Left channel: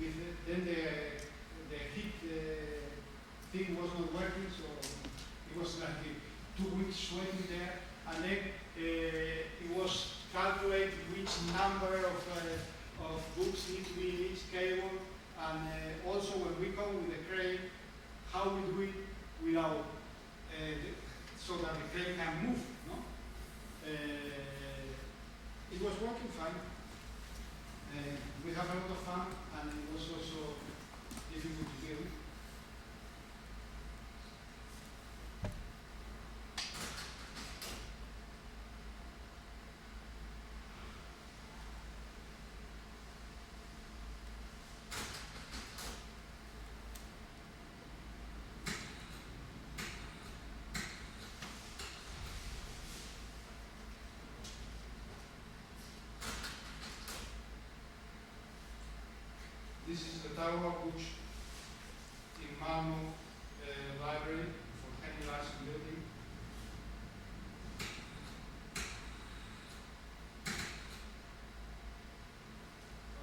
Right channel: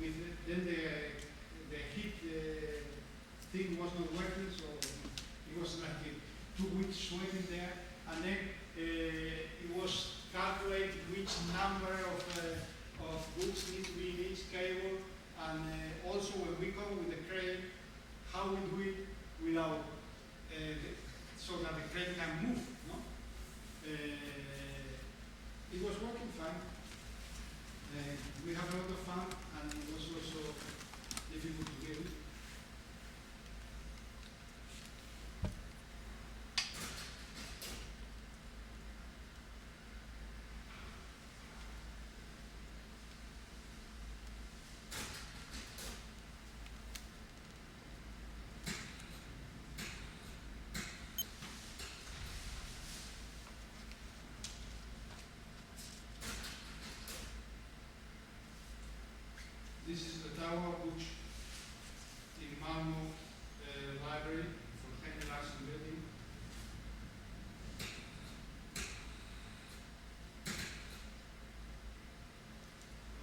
then the heat thing was not working, so it was like 2 weeks sweating there, and then it was calculate which number of books need to be in each cable, and also when we come with the crane, how we do it without so that the crane can move. No, it was working fine. We have a lot of fun, and it was also difficult to get it. This is the Tower of Books in Malmo Library for Henry Larsen building.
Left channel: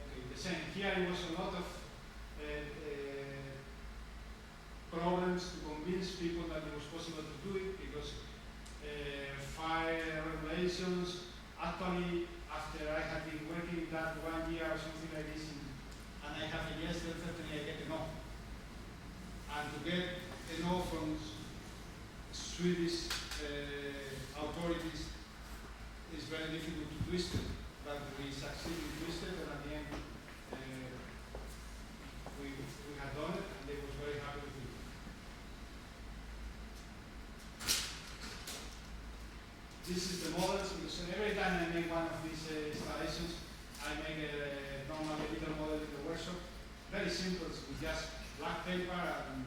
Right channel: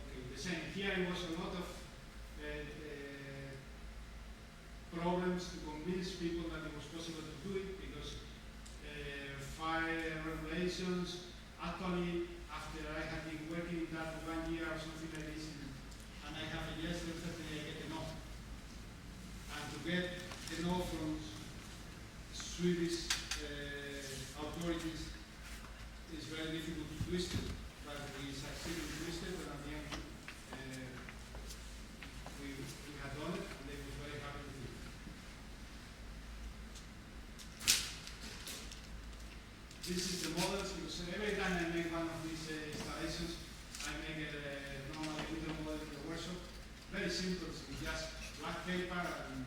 Okay, the same. Here it was a lot of problems to convince people that it was possible to do it, because fire regulations, actually after I had been working in that 1 year or something like this, and I have a yes, then certainly I get a no. And to get a no from Swedish authorities is very difficult to twist it, but we succeeded in twisting it, and at the end we had done it, and they was very happy with it. This is the models, because every time I make one of these installations, I make normally a little model in the workshop. Very simple, with just black paper and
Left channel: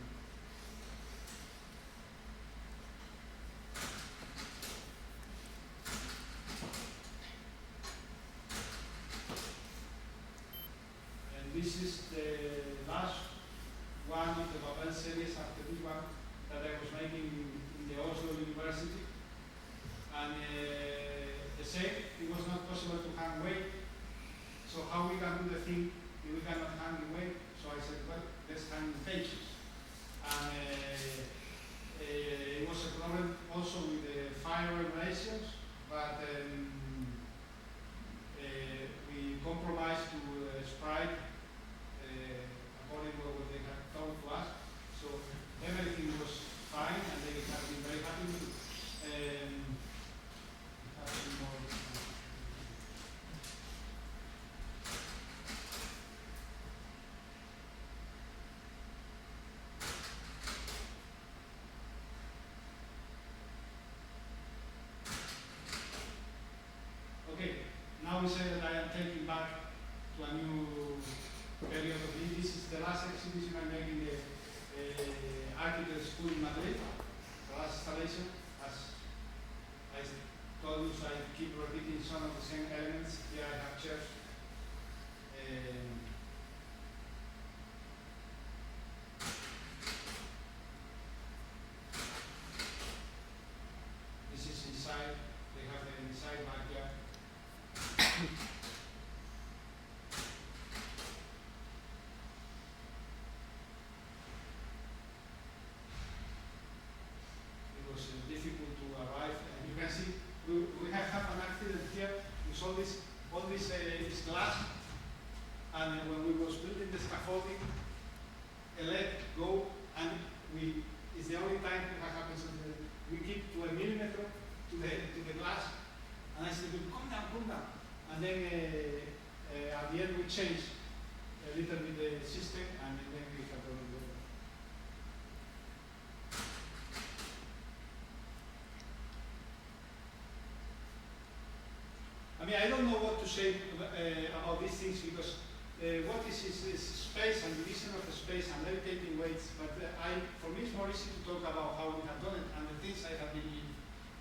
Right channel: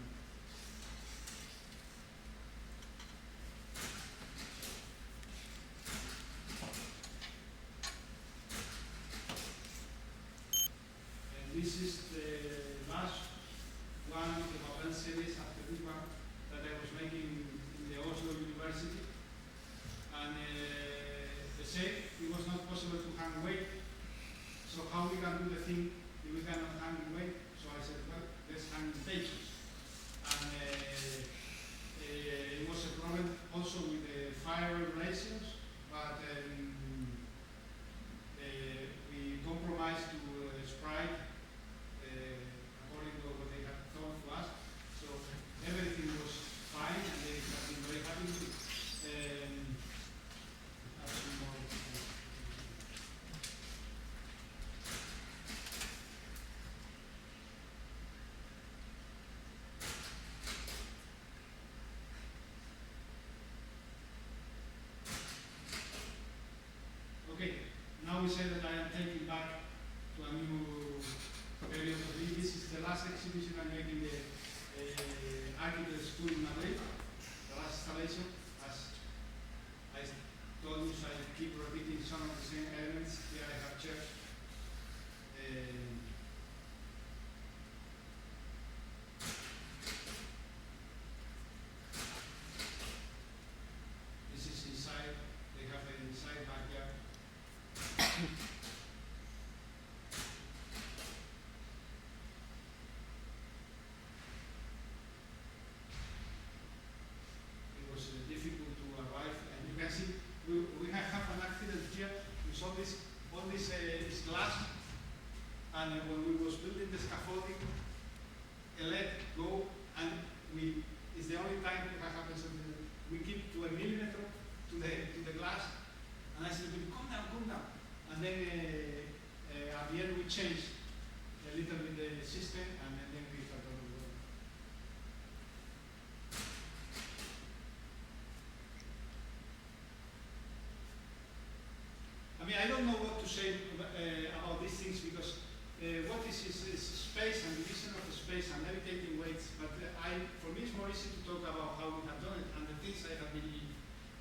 this is the last one of the Babel series after this one that I was making in the Oslo University. And the same, it was not possible to hang weight. So how we can do the thing if we cannot hang in weight? So I said, well, let's hang in pages. And it was a problem also with the fire regulations, but we compromised to Sprite according to what they had told to us. So everything was fine, and they have been very happy with it. Okay, now we say that I am taking back to a new period of it. This is the last exhibition I'm making the Architect School in Madrid, the last installation. As I told you, so I keep repeating some of the same elements. Here I have chairs. This is inside. They have the inside backyard. It was difficult to arrive, and you can see we have an accident here. We saw all this is glass, and when we was building the scaffolding, a leg go, and it's the only time it has happened. So we keep to a millimeter to the glass, and I said, come down. And then at the end we changed a little bit the system, and then we have done it. I mean, I don't know what to say about these things, because what is space and division of space and levitating weights, but for me it's more easy to talk about how we have done it and the things I have been in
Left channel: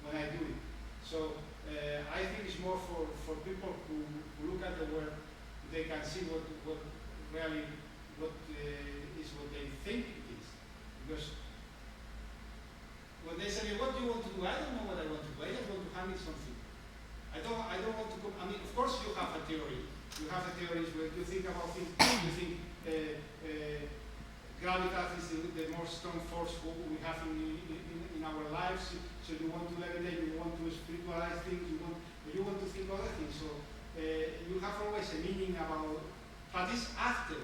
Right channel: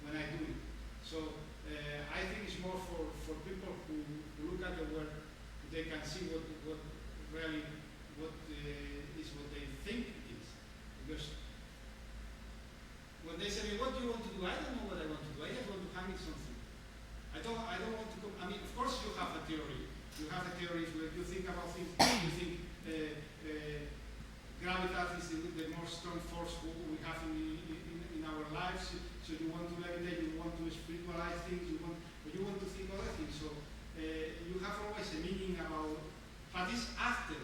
when I do it. So I think it's more for people who look at the work, they can see what really is what they think it is. Because when they say, what do you want to do? I don't know what I want to do. I just want to hang it something. I don't want to I mean, of course you have a theory. You have a theory where you think about things, you think strong force what we have in our lives. So you want to levitate, you want to spiritualize things, you want to think other things. So you have always a meaning about, but it's after.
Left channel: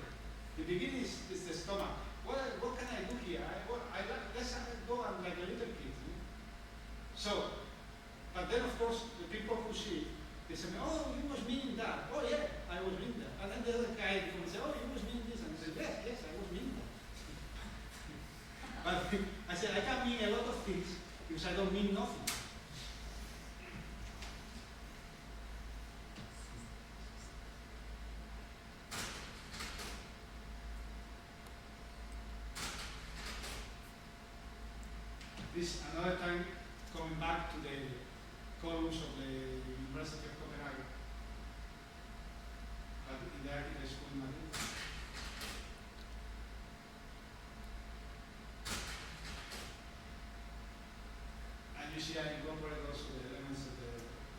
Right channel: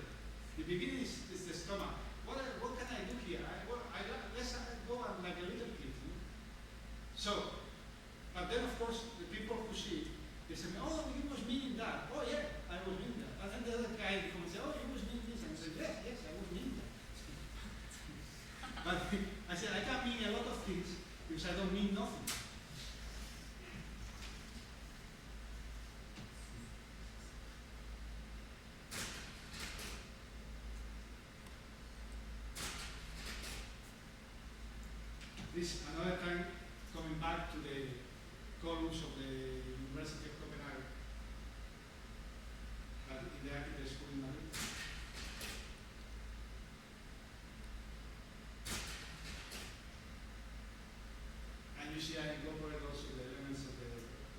The beginning is the stomach. What can I do here? Let's go on like a little kid. You know? So, but then of course the people who see it, they say, oh, you was meaning that. Oh yeah, I was meaning that. And then the other guy comes and say, oh, you was meaning this. And I say, yes, I was meaning that. But I said, I can mean a lot of things because I don't mean nothing. This another time coming back to the columns of the University of Copenhagen, but in the architect school in Madrid. And you see I incorporate also the elements of the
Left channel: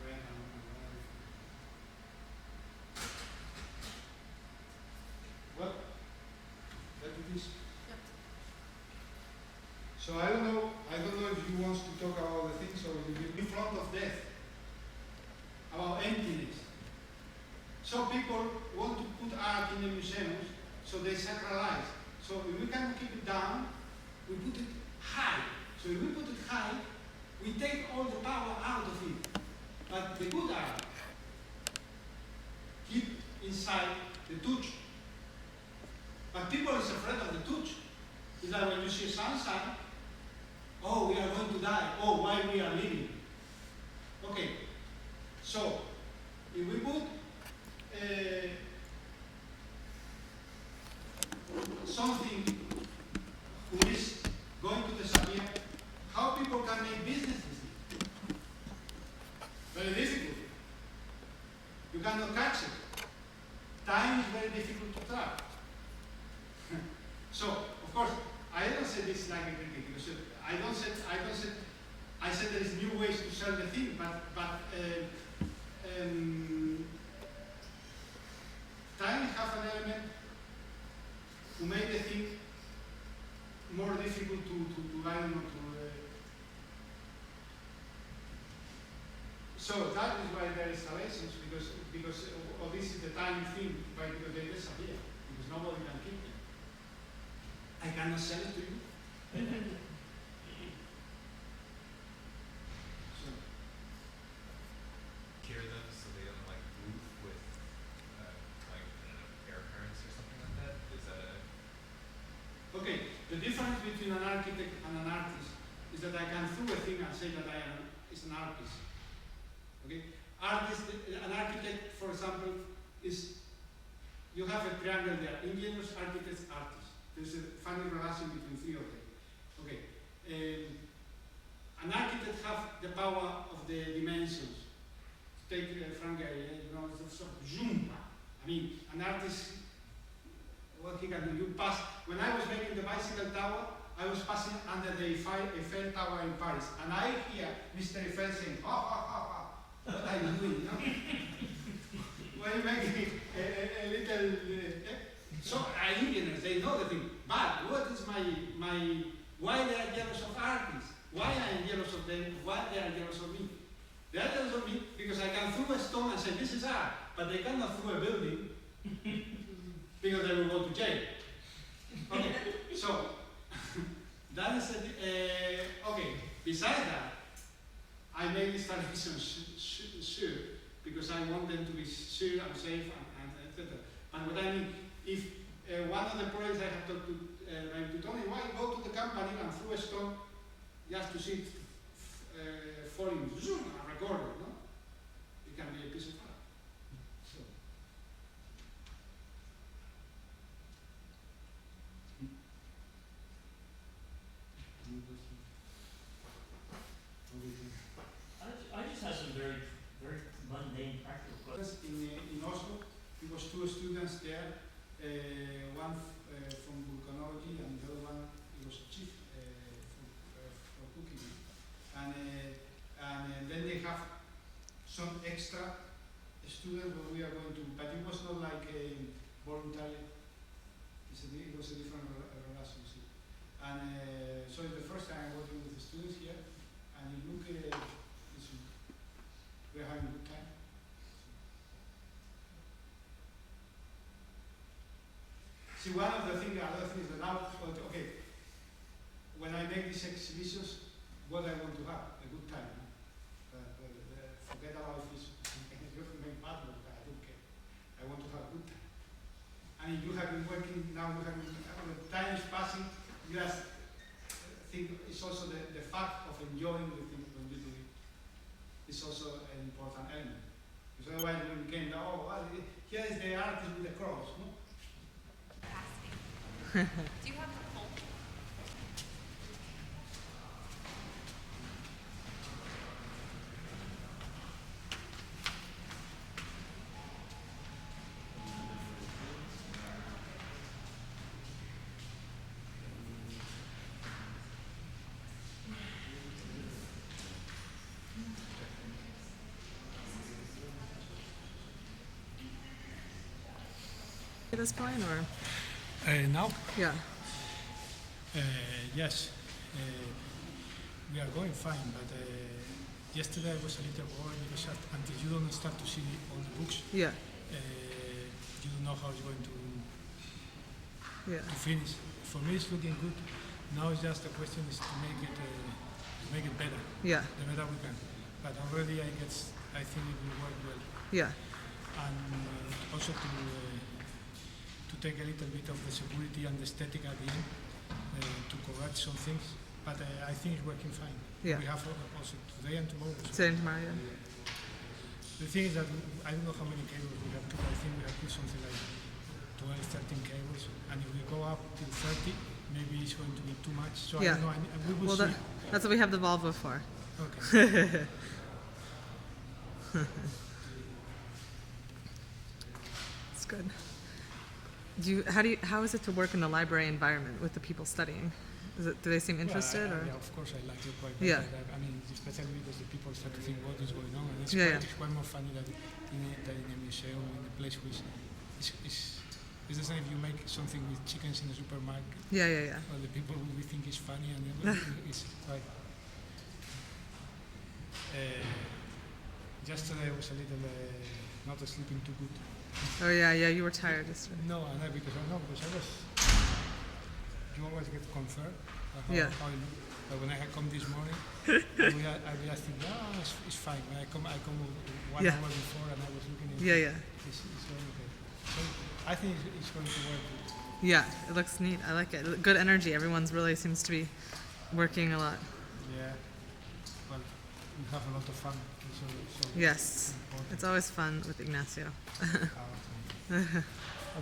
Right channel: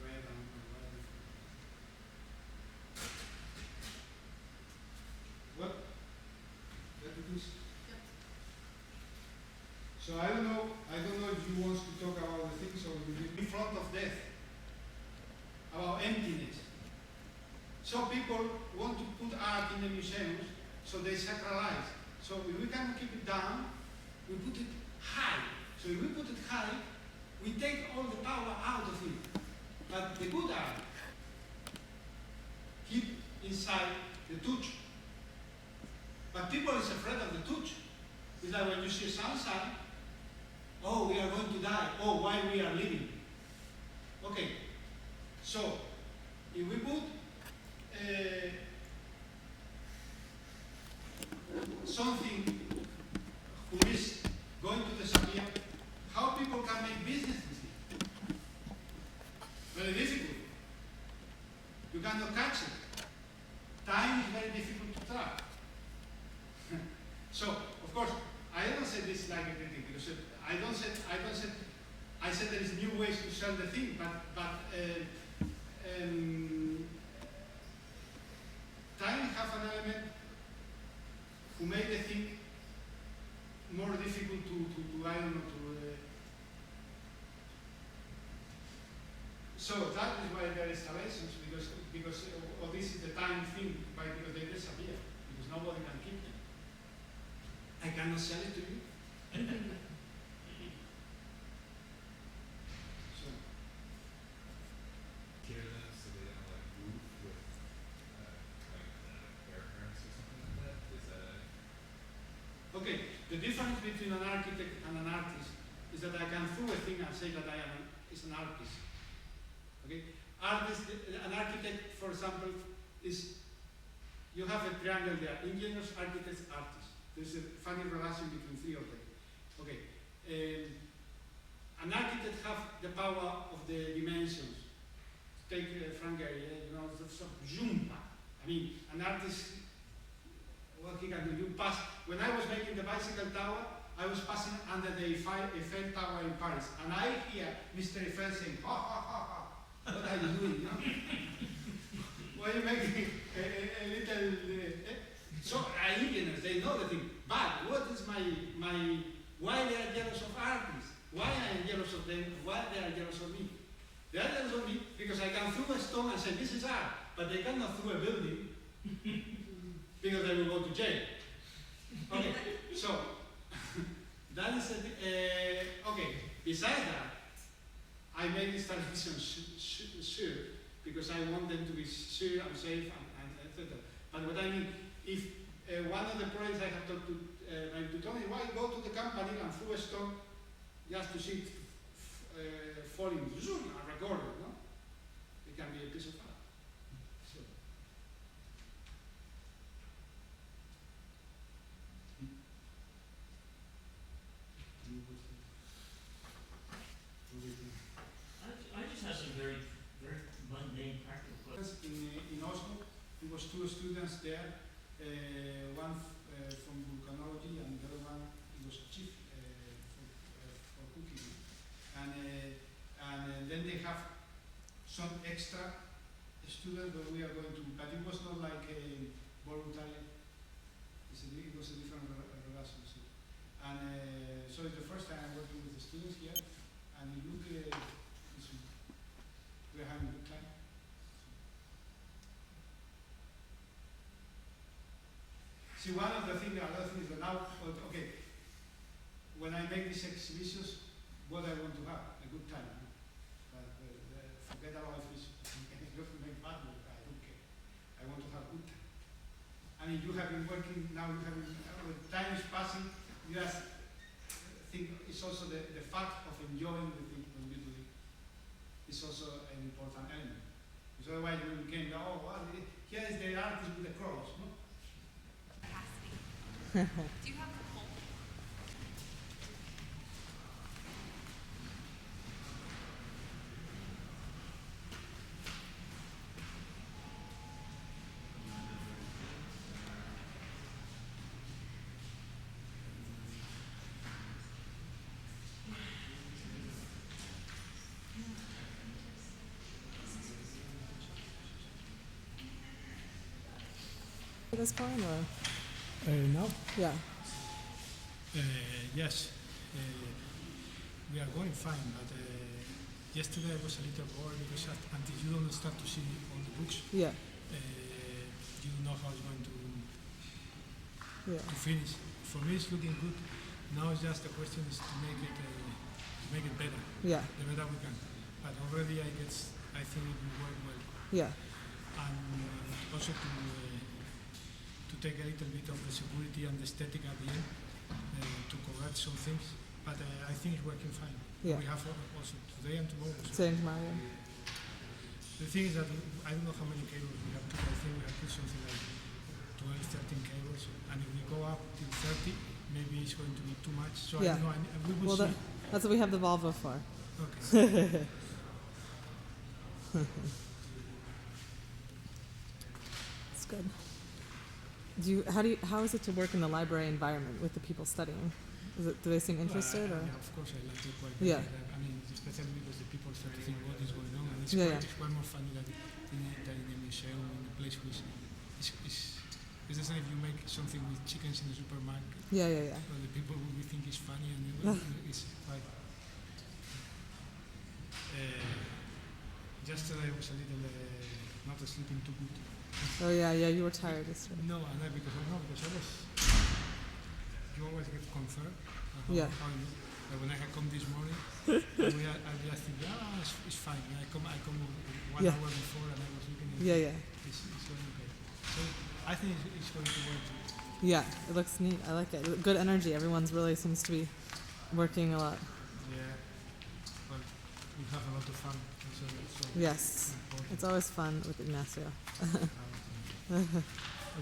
red and whatever. Well, that it is. Yep. So I don't know if you want to talk about the things or in front of death, about emptiness. Some people want to put art in the museums, so they sacralize. So if we can keep it down, we put it high. So if we put it high, we take all the power out of it. But the good art keep inside the touch. But people is afraid of the touch. It's like when you see sunshine, oh, we are going to die. Oh, why we are living? Okay. So, if we put something who is going to disappear, how people can make business with it? Very difficult. You cannot catch it. Time is very difficult to track. So, of course, I don't say this like a critic because I said there is new ways to sell the thing, but time has an element who made the thing more difficult to I don't know, so that is why there is installations, because this is the time thing, because they disappear, because nobody can keep them. I cannot sell it to you. So, Cure them so they don't like move with air currents or something like that? Is that a okay, the difference between an architect and an artist is that I can throw a thing and say that I am an artist. Okay, an architect, for example, is you have a triangle there: engineers, architects, artists. There's a funny relation between three of them. Okay, an architect has the power of the dimensions. Take Frank Gehry, sort of zoom. I mean, an artist, what he can do, you pass. When I was making the bicycle tower, I was passing under the Eiffel Tower in Paris, and I hear Mr. Eiffel saying, ha ha ha ha, what are you doing, you know? Why are you making a little, so engineers, they know the thing, but what is why they are jealous of artists? Why I am jealous of them? Why they are jealous of me? They are jealous of me because I can throw a stone and say, this is art, but they cannot throw a building because they will go to jail. Okay, so, that is, okay, besides that, I made this television sure, because I want them to be sure and safe and etc. But what I mean, if one of the projects I have talked to Tony, why go to the company and throw a stone just to see it falling, zoom, and record it, no? It can be a piece of art. So. I just have some very, very mundane, practical questions. In Oslo, there was two students there, one from volcanology and the other one was chief for cooking. And then they have See, another thing is that now, okay, when I make these exhibitions, what I want to have, a good time. Forget about if it's you make bad work, I don't care. I want to have a good time. I mean, you have been working, now you have been, when time is passing, you just think it's also the fact of enjoying the thing when you do it. It's also an important element. Because otherwise when you came down, oh, well, here is the artist with the cross, no? Capacity. Do you have the pulp? At this point, or Now? yeah, Yes, we are going fine, but yesterday I was a little bored because until you don't start to see all the books, yeah, you don't know how it's going to yeah, finish. For me, it's looking good. Now it's just the question is to make it better, yeah, the better we can. But already I think it will work well, yeah, and also to take a little bit of the security and the aesthetic at the end to correct some things. But I think it's working fine. Yeah. We have also today and tomorrow. So today and tomorrow, yeah. the thing is that I don't know how many cables we have put. I think we have put something like 12, 13 cables. And if we go up till 30, maybe it's going to be too much. So Yeah. I don't know. We will Well, see. that's what we have the Volvo for. Okay. It's good. How is it to work in the library environment with the people studying? Do they seem interested, Well, or? yeah, of course I like it quite Yeah. I mean, especially because the people start to think what is going on, and it's, Yeah, it's quite more funny than in a museum, in a place which it's the same if you make something with chickens in the supermarket. Yeah, yeah, yeah. Well, the people will think it's funny, and everything is quite. Yesterday I was a little not sleeping too good. Oh yeah, yeah. You were tired yesterday. No, and because I was. You always get concerned how Yeah. how you look. But when I had come this morning, I just think, it's fine. When I come 1 Yeah. hour before, and I was looking at Yeah, yeah, It's very okay. So I think it's going to work. yeah. It looks neat. I like it. Good energy. Everyone's really seems to be working a lot. Yeah. Well, we have a lot of fun. So Yes, important. it's always fun with Ignacio. Okay.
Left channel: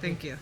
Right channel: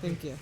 Thank you.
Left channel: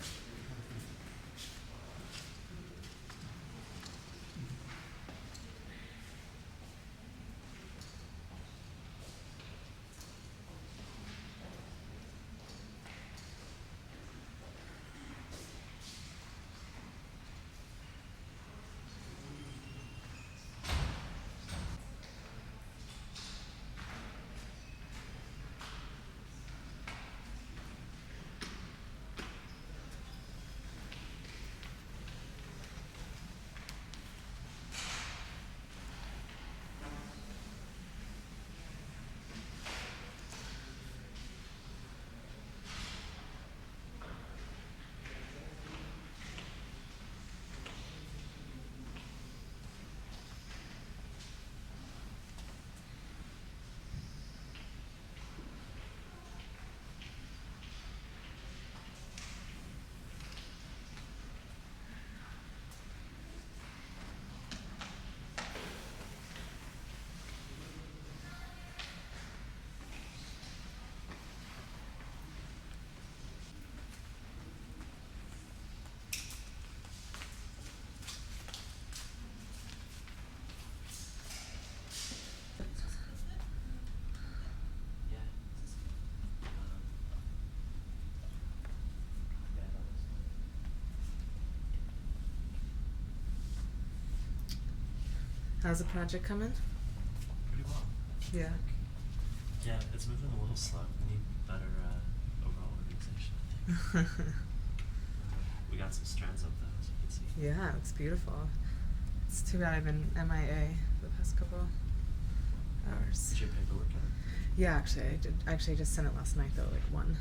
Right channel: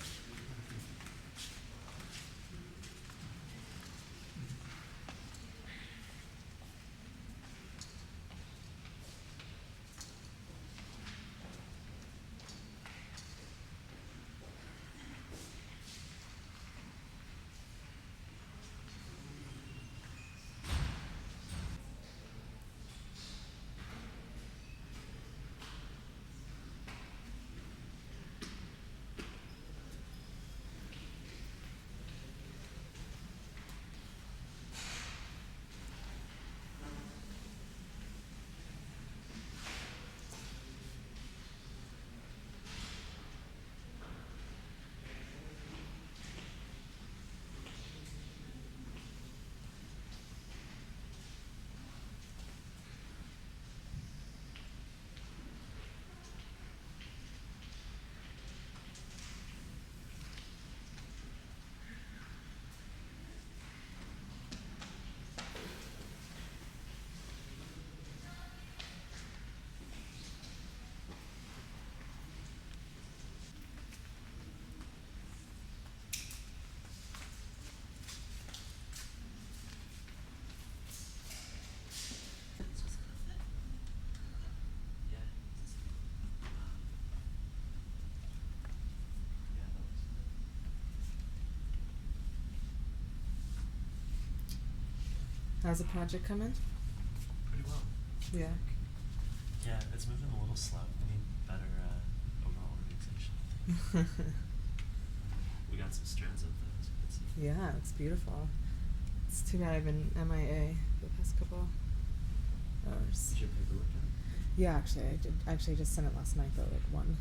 How's the project coming? Pretty well. Yeah. Yeah, it's moving a little slow. We need better overall organization, I think. We got some strands up though, as you can see. Yeah, it looks beautiful. It's too bad I've been MIA for the past couple hours. Did your paperwork in? Yeah, actually, I did. Actually, I just sent it last night though, like 1.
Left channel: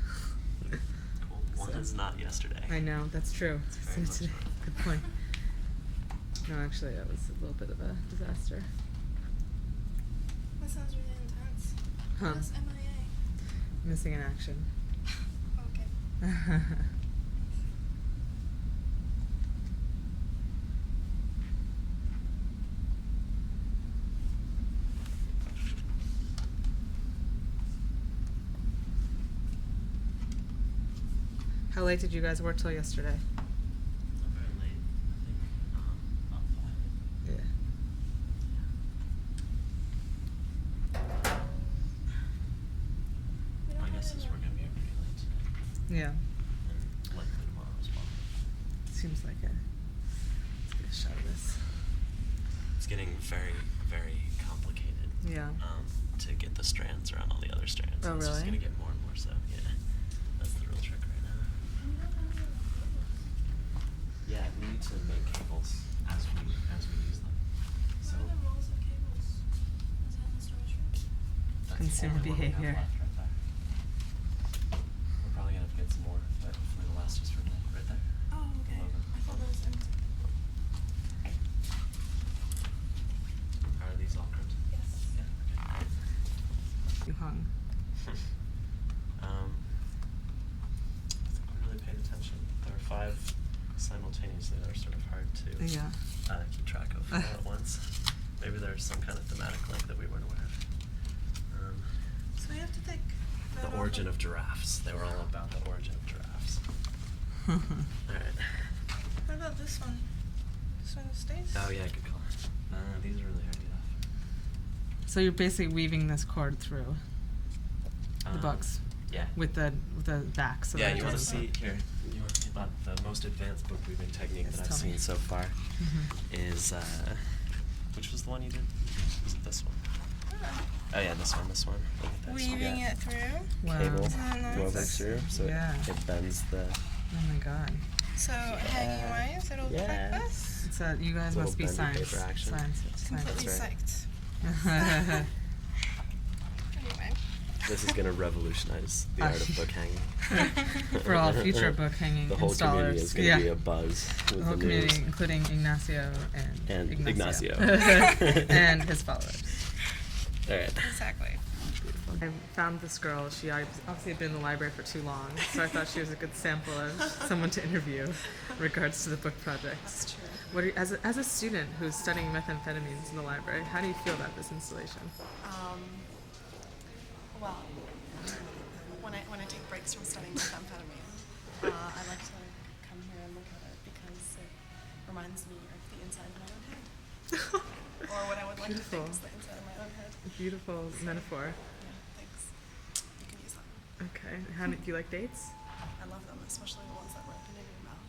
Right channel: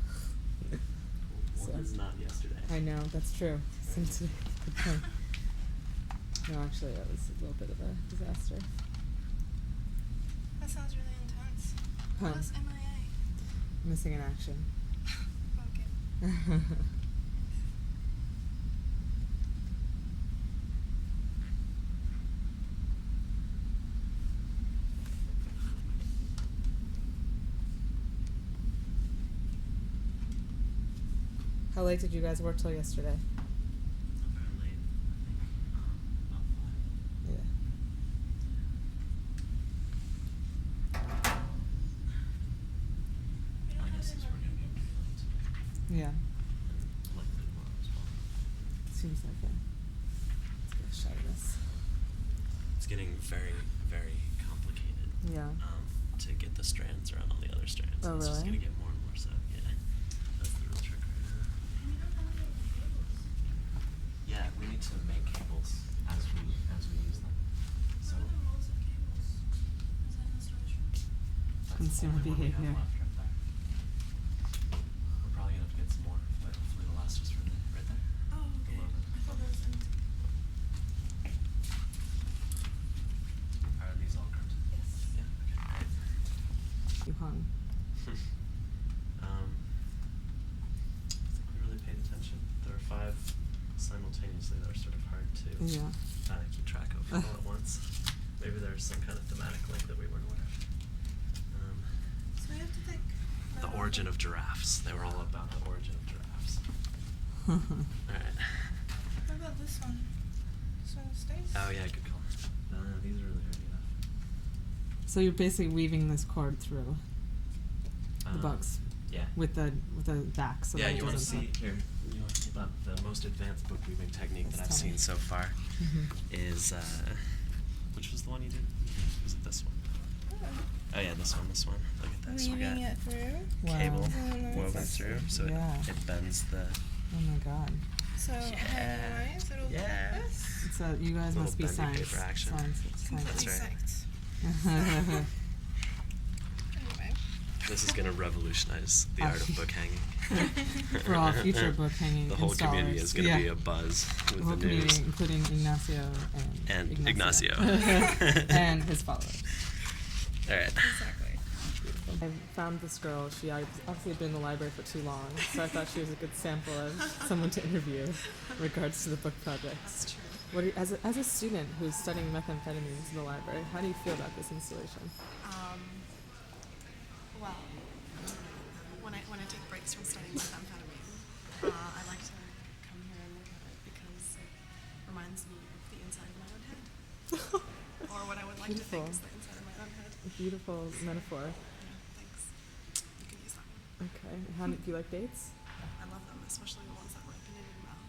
Cool. One So- is not yesterday. I know, that's true. Very So much today- good point. No, actually, that was a little bit of a disaster. That sounds really intense. Huh. What is MIA? Missing in action. Okay. How late did you guys work till yesterday? Not very late. I think about 5. Yeah. My guess is we're gonna be pretty late today, Yeah. and likely tomorrow as well. Seems like it. Let's get a shot of this. It's getting very, very complicated. Yeah. To get the strands around all the other strands. Oh, It's just really? gonna get more and more so. Yeah, that's the real trick right now. Yeah, we need to make cables as we use them. So What are the rules of cables? Is that in the storage room? that's Consumer the only one we have behavior. left right there. We're probably gonna have to get some more, but hopefully it'll last us for tonight. Right there. Oh, okay. Below them. I thought that was empty. Are these all correct? Yes. Yeah. Okay. You hung. I think we really paid attention. There are 5 simultaneously that are sort of hard to Yeah. keep track of all at once. Maybe there's some kind of thematic link that we weren't aware of. So we have to take The origin of giraffes. They were all about the origin of giraffes. Alright. What about this one? This one stays? Oh yeah, good call. These are really hard to get off. So you're basically weaving this cord through the Um, books Yeah. with the back, so yeah, that it you want to doesn't see here? You want to see about the most advanced book weaving technique Yes, that I've tell me. seen so far Mhm. is which was the one you did? Was it this one? Oh yeah, this one. Look at this. We Weaving got it through. Wow. Cable Isn't that nice? woven through, so Yeah. it bends the. Oh my god. So hanging wise, it'll look Yeah. like this. So you guys Little must be bendy science. paper action. Completely That's right. psyched. Anyway. This is gonna revolutionize the art of book hanging. For all future book hanging The whole community installers. is gonna Yeah. be abuzz with The whole the news. community, including Ignacio And Ignacio. and his followers. All right. Exactly. I found this girl. She obviously had been in the library for too long, so I thought she was a good sample of someone to interview in regards to the book project. That's true. What are you, as a student who's studying methamphetamines in the library, how do you feel about this installation? Well, when I take breaks from studying methamphetamine, I like to come here and look at it because it reminds me of the inside of my own head, or what I would like to think is the inside of my own head. Beautiful metaphor. Yeah, thanks. You can use that. Okay. How do you like dates? I love them, especially the ones that ripen in your mouth.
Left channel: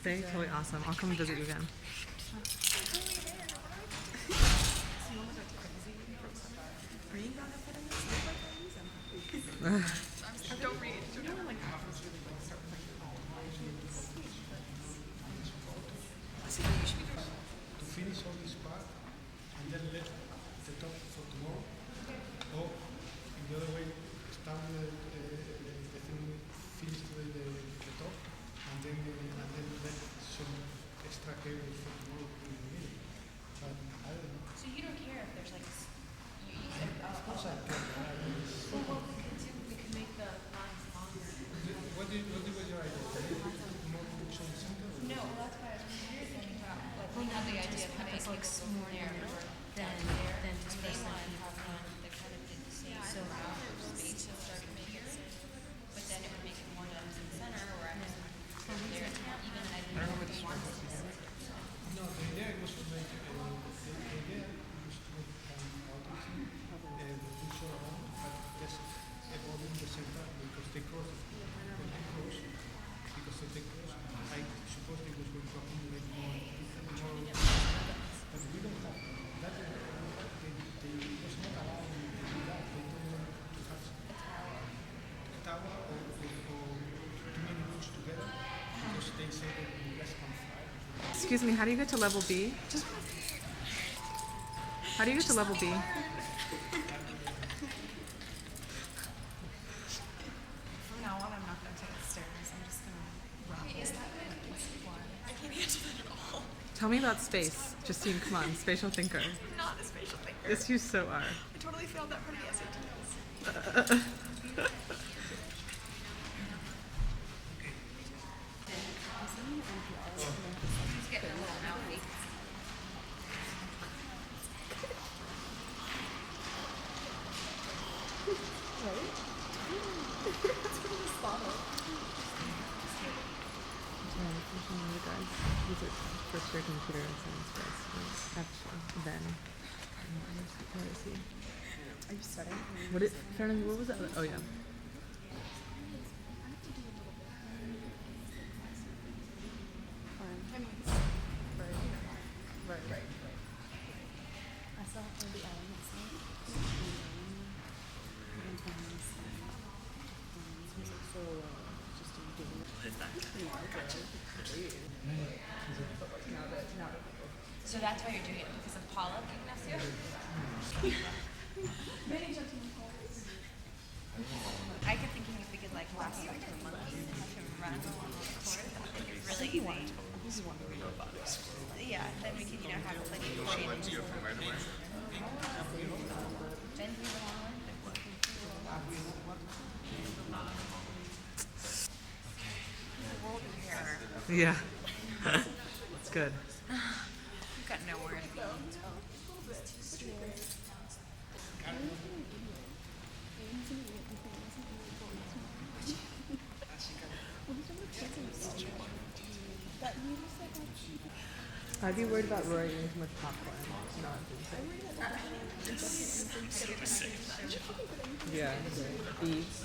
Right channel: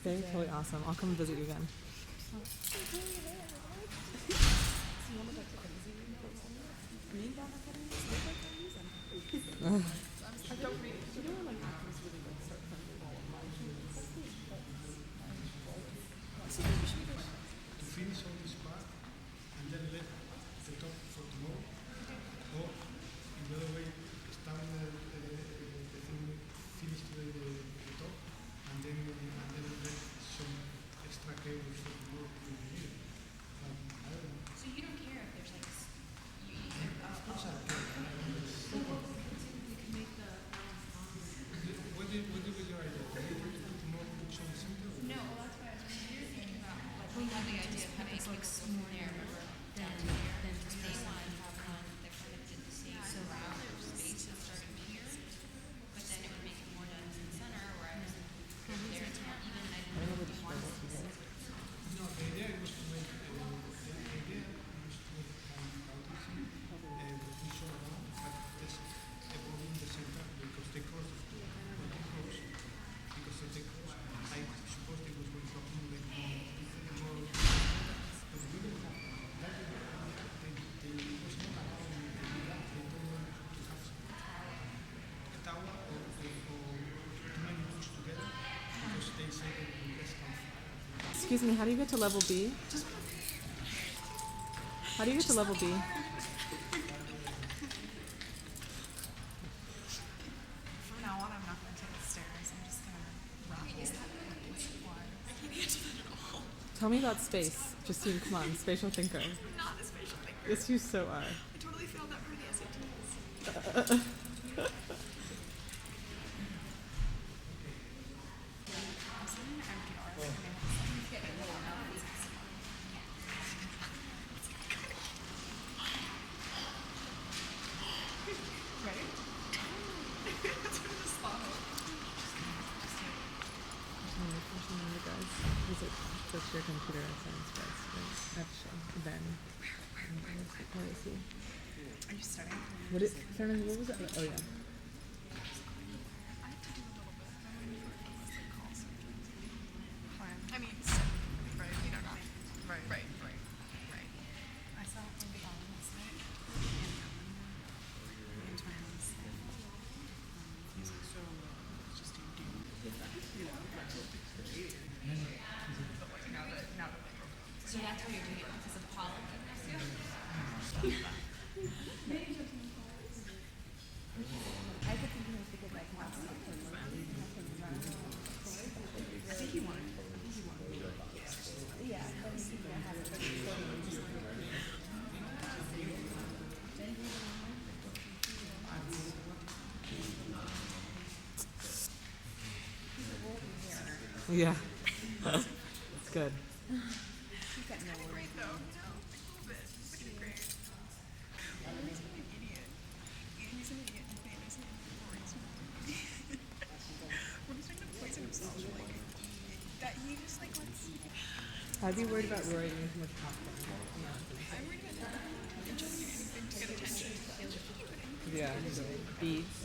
Stay totally awesome. I'll come visit you again. To finish all this part and then let the top for tomorrow. Or in the other way, start the thing finish the top and then let some extra cables for tomorrow in the middle. But I don't know. So you don't care if there's like Of course I can. well, what we could do, we could make the lines longer. What was your idea? Maybe put more books on the center? No, well, that's why I was thinking about, like, we had the idea of having it mix more narrow than there. And they wanted to have one that kind of did the same round space that started here, but then it would make it more dense in the center, where I was there, it's more even, and I didn't know if we wanted to be separate. No, the idea was to make kind of the full amount, but just evolving the center because they cross because if they cross, I suppose they was going to accumulate more, but we don't have that. They was not allowed to do that. They don't want to have a tower or too many books together because they say that less than 5. Excuse me, how do you get to level B? How do you get to level B? Tell me about space. Justine, come on, spatial thinker. I'm not a spatial thinker. Yes, you so are. I totally failed that part of the SATs. You guys use it for your computer science grades, right? Actually, then. Where is he? Are you studying? What was that? Oh yeah. I mean, right. I saw Ruby Allen last night. So that's why you're doing it because of Paula, Ignacio? I kept thinking if we could like walk you like to the money run. Really? You want? Yeah, then we can have like a shade. Then you want? Yeah. It's good. You've got no worries. I'd be worried about Roy eating too much popcorn. Not doing so. Yeah, right. Beads.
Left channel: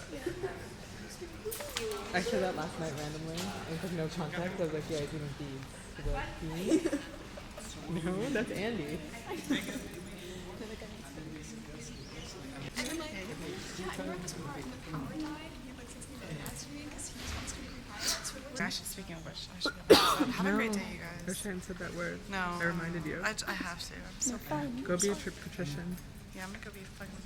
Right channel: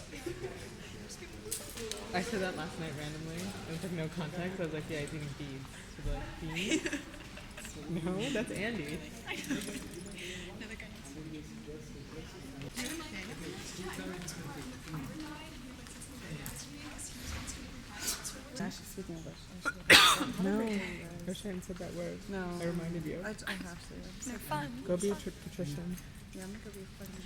I said that last night randomly. With no context. I was like, yeah, he's eating beads. She's like, beads? No, that's Andy. I remember this part when power died. He like said something like that to me because he just wants to be quiet. I should speak English. No, I wish I hadn't said that word. No. I reminded you. I have to. So fun. Go be a patrician. Yeah, I'm gonna go be fucking.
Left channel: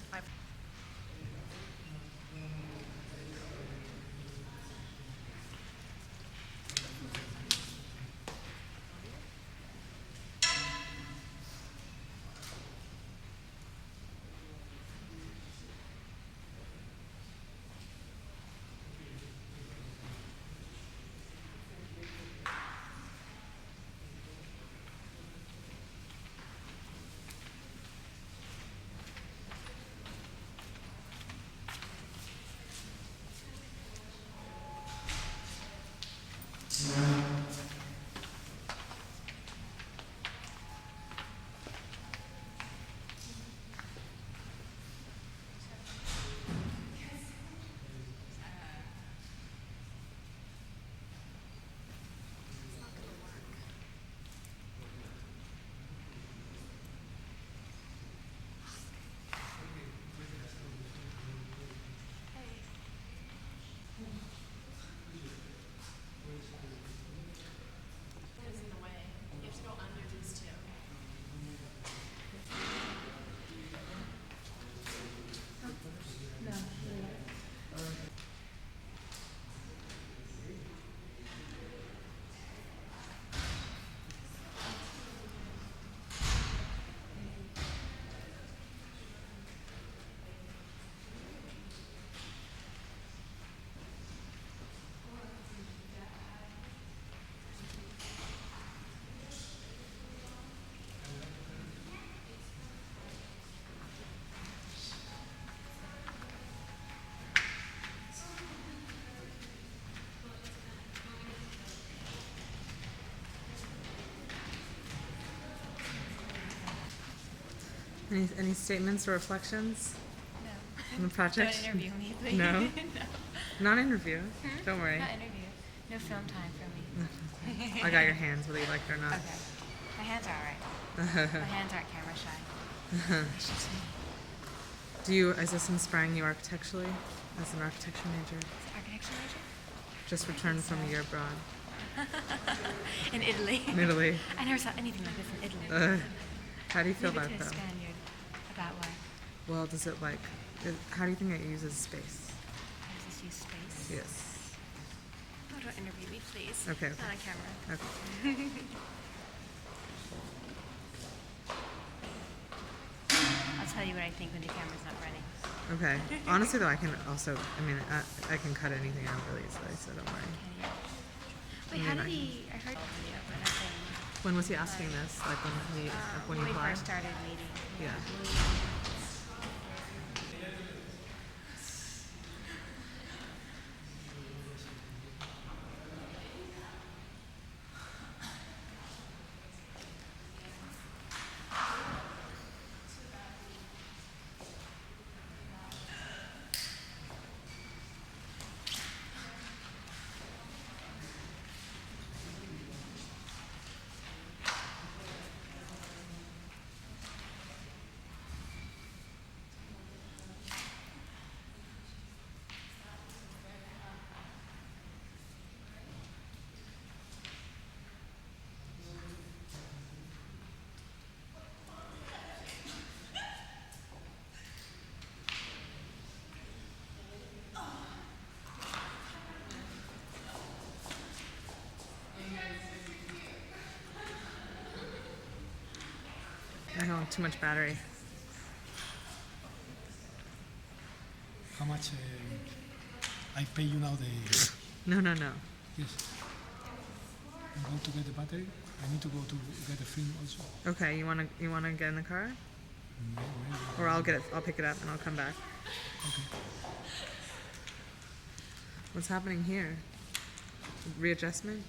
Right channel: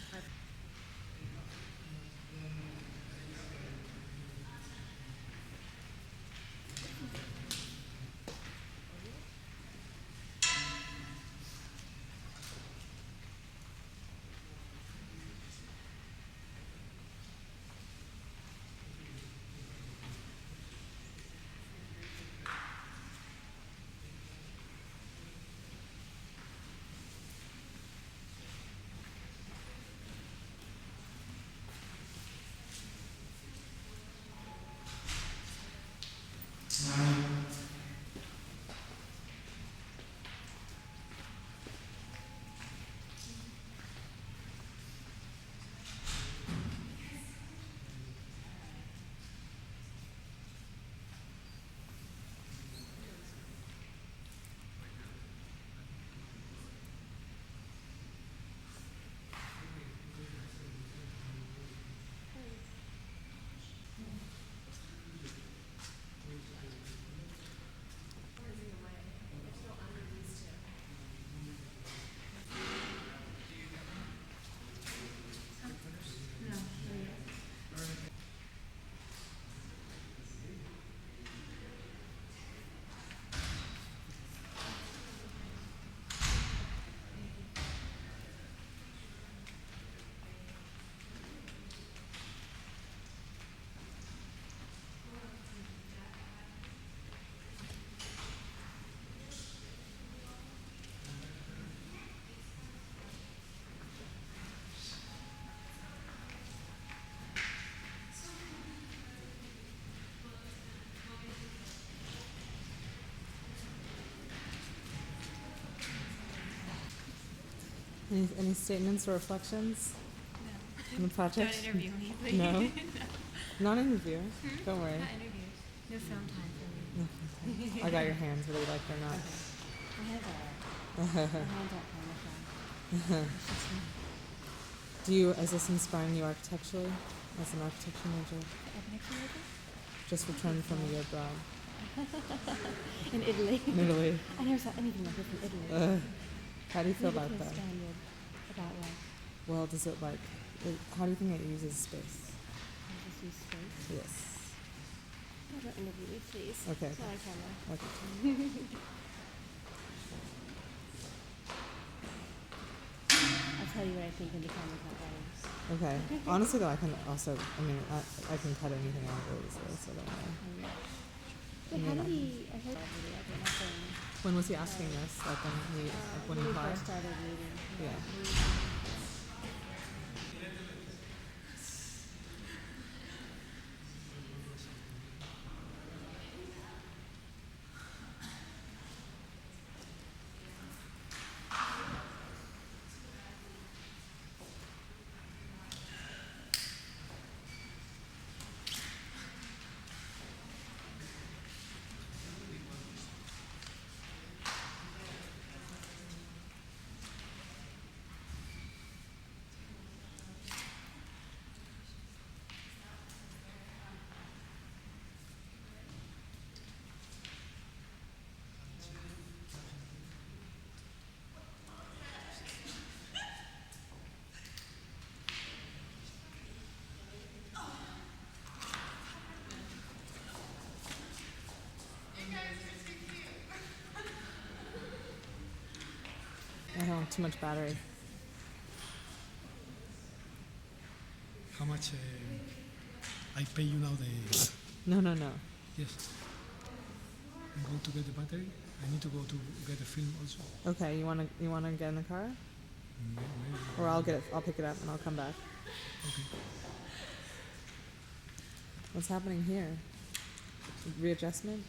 Any statements or reflections? No. On the project? Don't interview me, please. No? No. Not interview. Don't worry. Not interview. No film time for me. I got your hands, whether you like it or not. Okay. My hands are alright. My hands aren't camera shy. Is this inspiring you architecturally as an architecture major? Architecture major? Just returned from a year abroad In Italy. in Italy. I never saw anything like this in Italy. How do you feel about it though? About what? Well, how do you think it uses space? Does this use space? Yes. Oh, don't interview me, please. Okay, Not okay. on camera. Okay. my camera's not ready. Okay. Honestly, though, I can also. I mean, I can cut anything out really easily, so don't worry. Wait, I how mean, did he? I heard When was he asking this? Like when when he we applied? first started meeting. Yeah. I don't want too much battery. How much I pay you now? No. Yes. I'm going to get the battery. I need to go to get the film also. Okay, you wanna get in the car, Maybe. or I'll pick it up and I'll come back. Okay. What's happening here? Readjustment?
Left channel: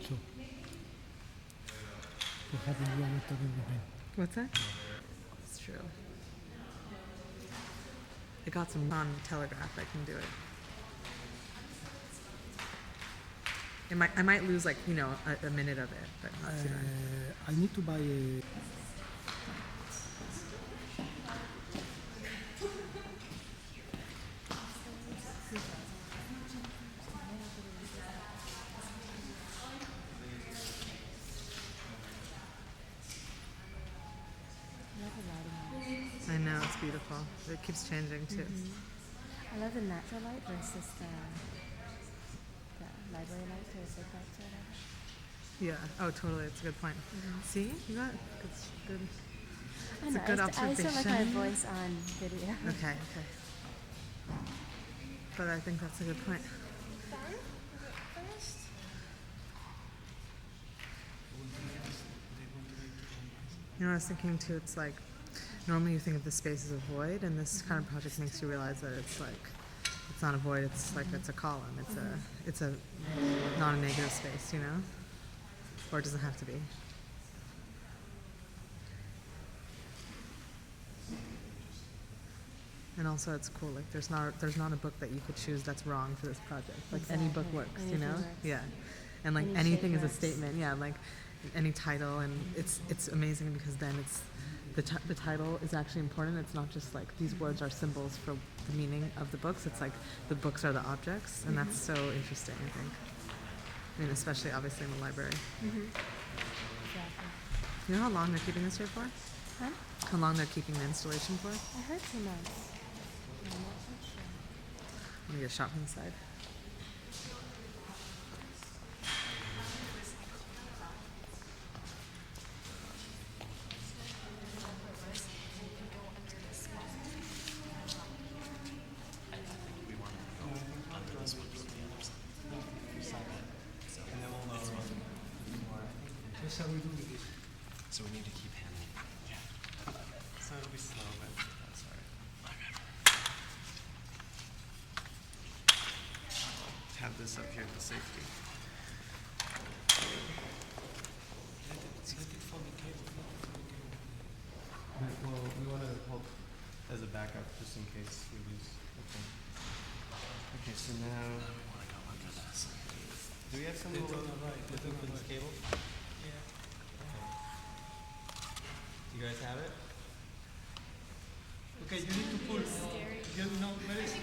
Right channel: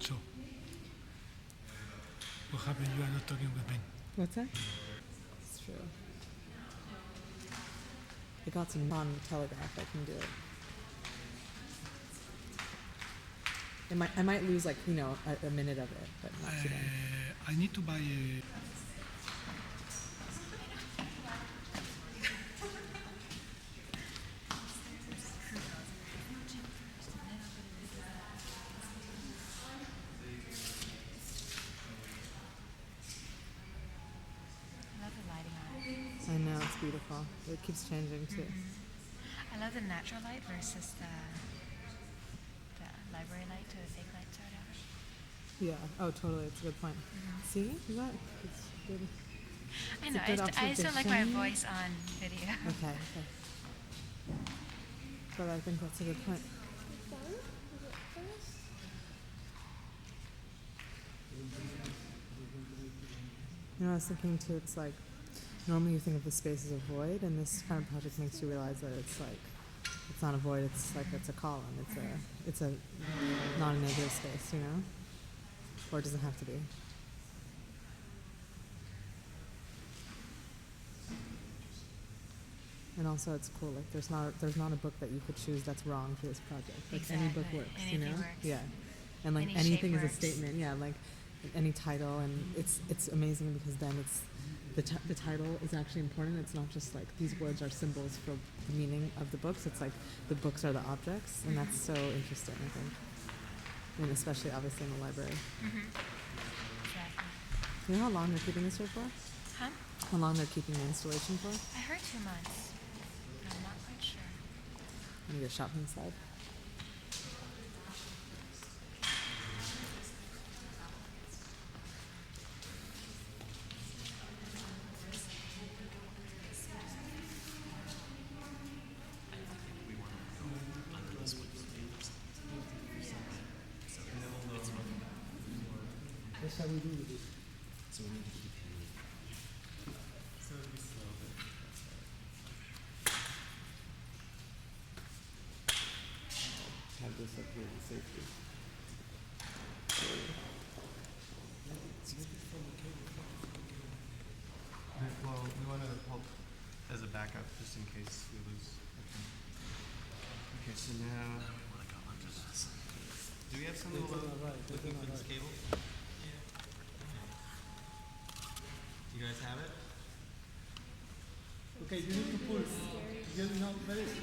So, what happened? You are not talking with me. What's that? It's true. I got some non-telegraph. I can do it. I might lose like a minute of it, but not too bad. I need to buy a. I know, it's beautiful. It keeps changing too. I love the natural light versus the library light to the safe light. Yeah. Oh, totally. It's a good point. See, you got it's good. I It's know. a good I just don't like my observation. voice on video. Okay. But I think that's a good point. I was thinking too. It's like normally you think of the space as a void, and this kind of project makes you realize that it's like it's not a void. It's like it's a column. It's a not a negative space, or it doesn't have to be. And also, it's cool. Like there's not a book that you could choose that's wrong for this project. Like any book Exactly. works, Anything works. Yeah, and like Any anything shape is a works. statement. Yeah, like any title, and it's amazing because then it's the title is actually important. It's not just like these words are symbols for the meaning of the books. It's like the books are the objects, and that's so interesting. I think. I mean, especially obviously in the library. Exactly. You know how long they're keeping this here for? Huh? How long they're keeping the installation for? I heard 2 months. I'm not so sure. I'm gonna get a shot from the side. I think we want to go under this one from the other side. So And then we'll know it's fine. more. That's how we do it. So we need to keep handling. Yeah. So it'll be slow, but that's fine. Have this up here for safety. Well, we want to hold as a backup just in case we lose. Okay, so now, We want to go under this. do we have someone looking for this cable? Yeah. Okay. Do you guys have it? Okay, you need to pull. You know, where is it?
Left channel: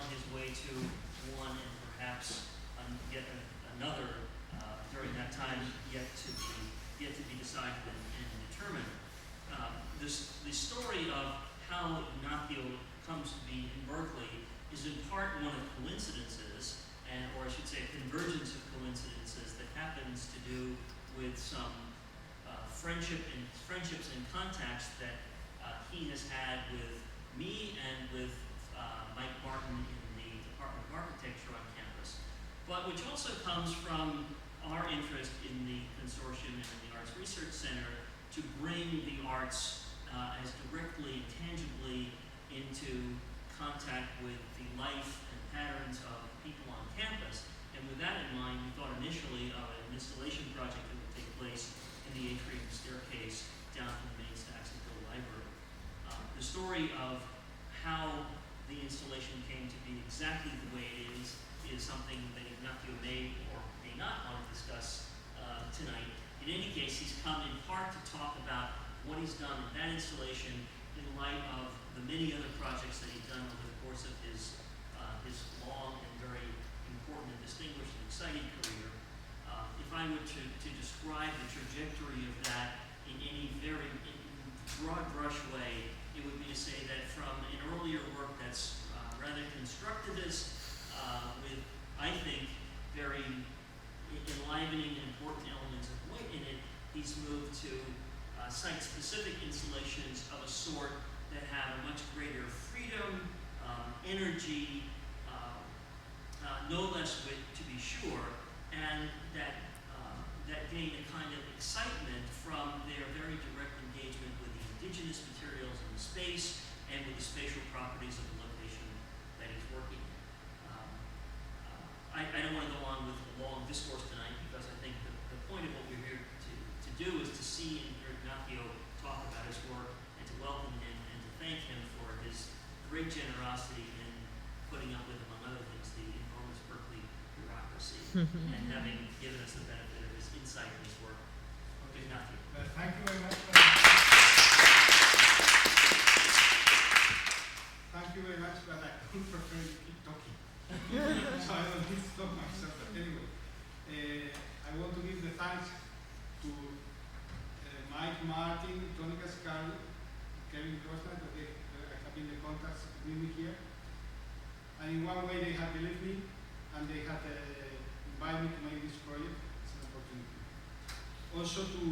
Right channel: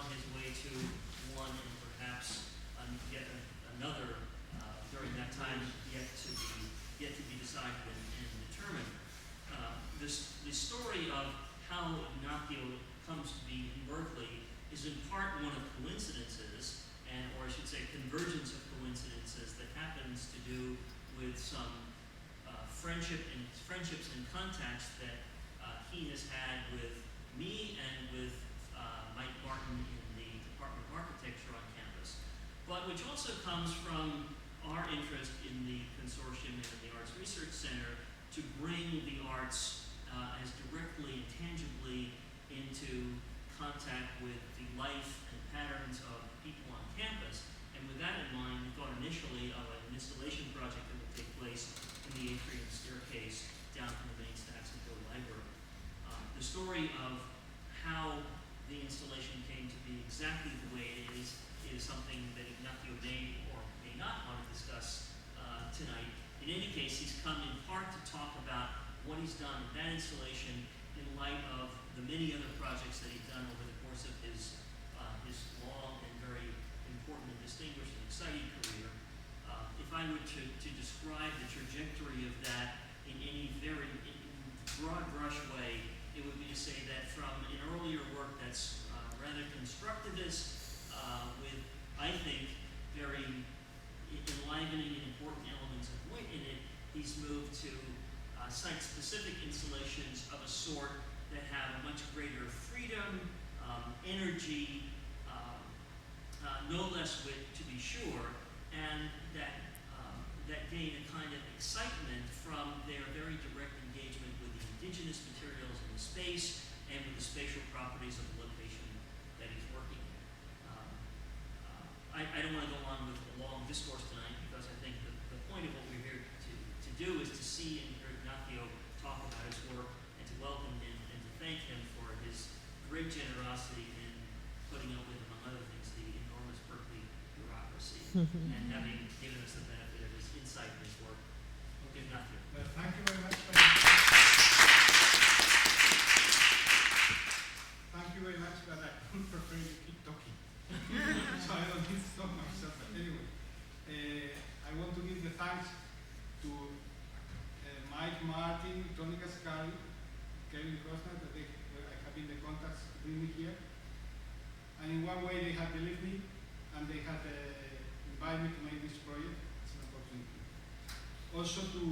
on his way to one and perhaps yet another during that time yet to be decided and determined. The story of how Ignacio comes to be in Berkeley is in part one of coincidences, or I should say a convergence of coincidences that happens to do with some friendships and contacts that he has had with me and with Mike Martin in the Department of Architecture on campus, but which also comes from our interest in the consortium and in the Arts Research Center to bring the arts as directly and tangibly into contact with the life and patterns of people on campus. And with that in mind, we thought initially of an installation project that would take place in the atrium staircase down from the main Saxonville Library. The story of how the installation came to be exactly the way it is something that Ignacio may or may not want to discuss tonight. In any case, he's come in part to talk about what he's done in that installation in light of the many other projects that he's done over the course of his long and very important and distinguished and exciting career. If I were to describe the trajectory of that in any very broad brush way, it would be to say that from an earlier work that's rather constructivist, with, I think, very enlivening and important elements of wit in it, he's moved to site-specific installations of a sort that have much greater freedom, energy, no less wit to be sure, and that gain a kind of excitement from their very direct engagement with the indigenous materials in the space and with the spatial properties of the location that he's working in. I don't want to go on with a long discourse tonight because I think the point of what we're here to do is to see and hear Ignacio talk about his work and to welcome him and to thank him for his great generosity in putting up with, among other things, the enormous Berkeley bureaucracy and having given us the benefit of his insight in his work. Ignacio. Well, thank you very much. Thank you very much, but I would prefer to keep talking. So I don't need to talk myself. But anyway, I want to give the thanks to Mike Martin, Tony Cascani, Kevin Costner, that I have been the contacts to bring me here. And in one way they have believed me and they have invited me to make this project. It's an opportunity. Also to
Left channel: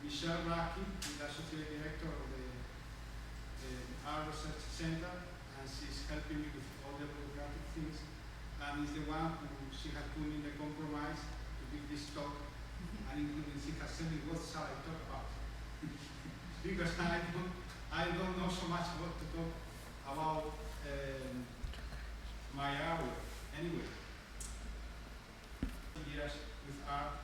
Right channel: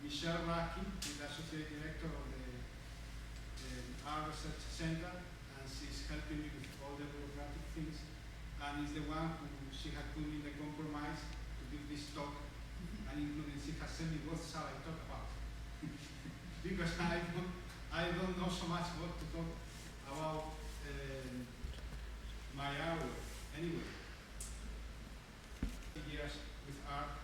Michelle Raki, who is Associate Director of the Art Research Center, and she's helping me with all the bureaucratic things, and is the one who she had put me in the compromise to give this talk, and including she has sent me what shall I talk about. Because I don't know so much what to talk about my area. Anyway, years with art,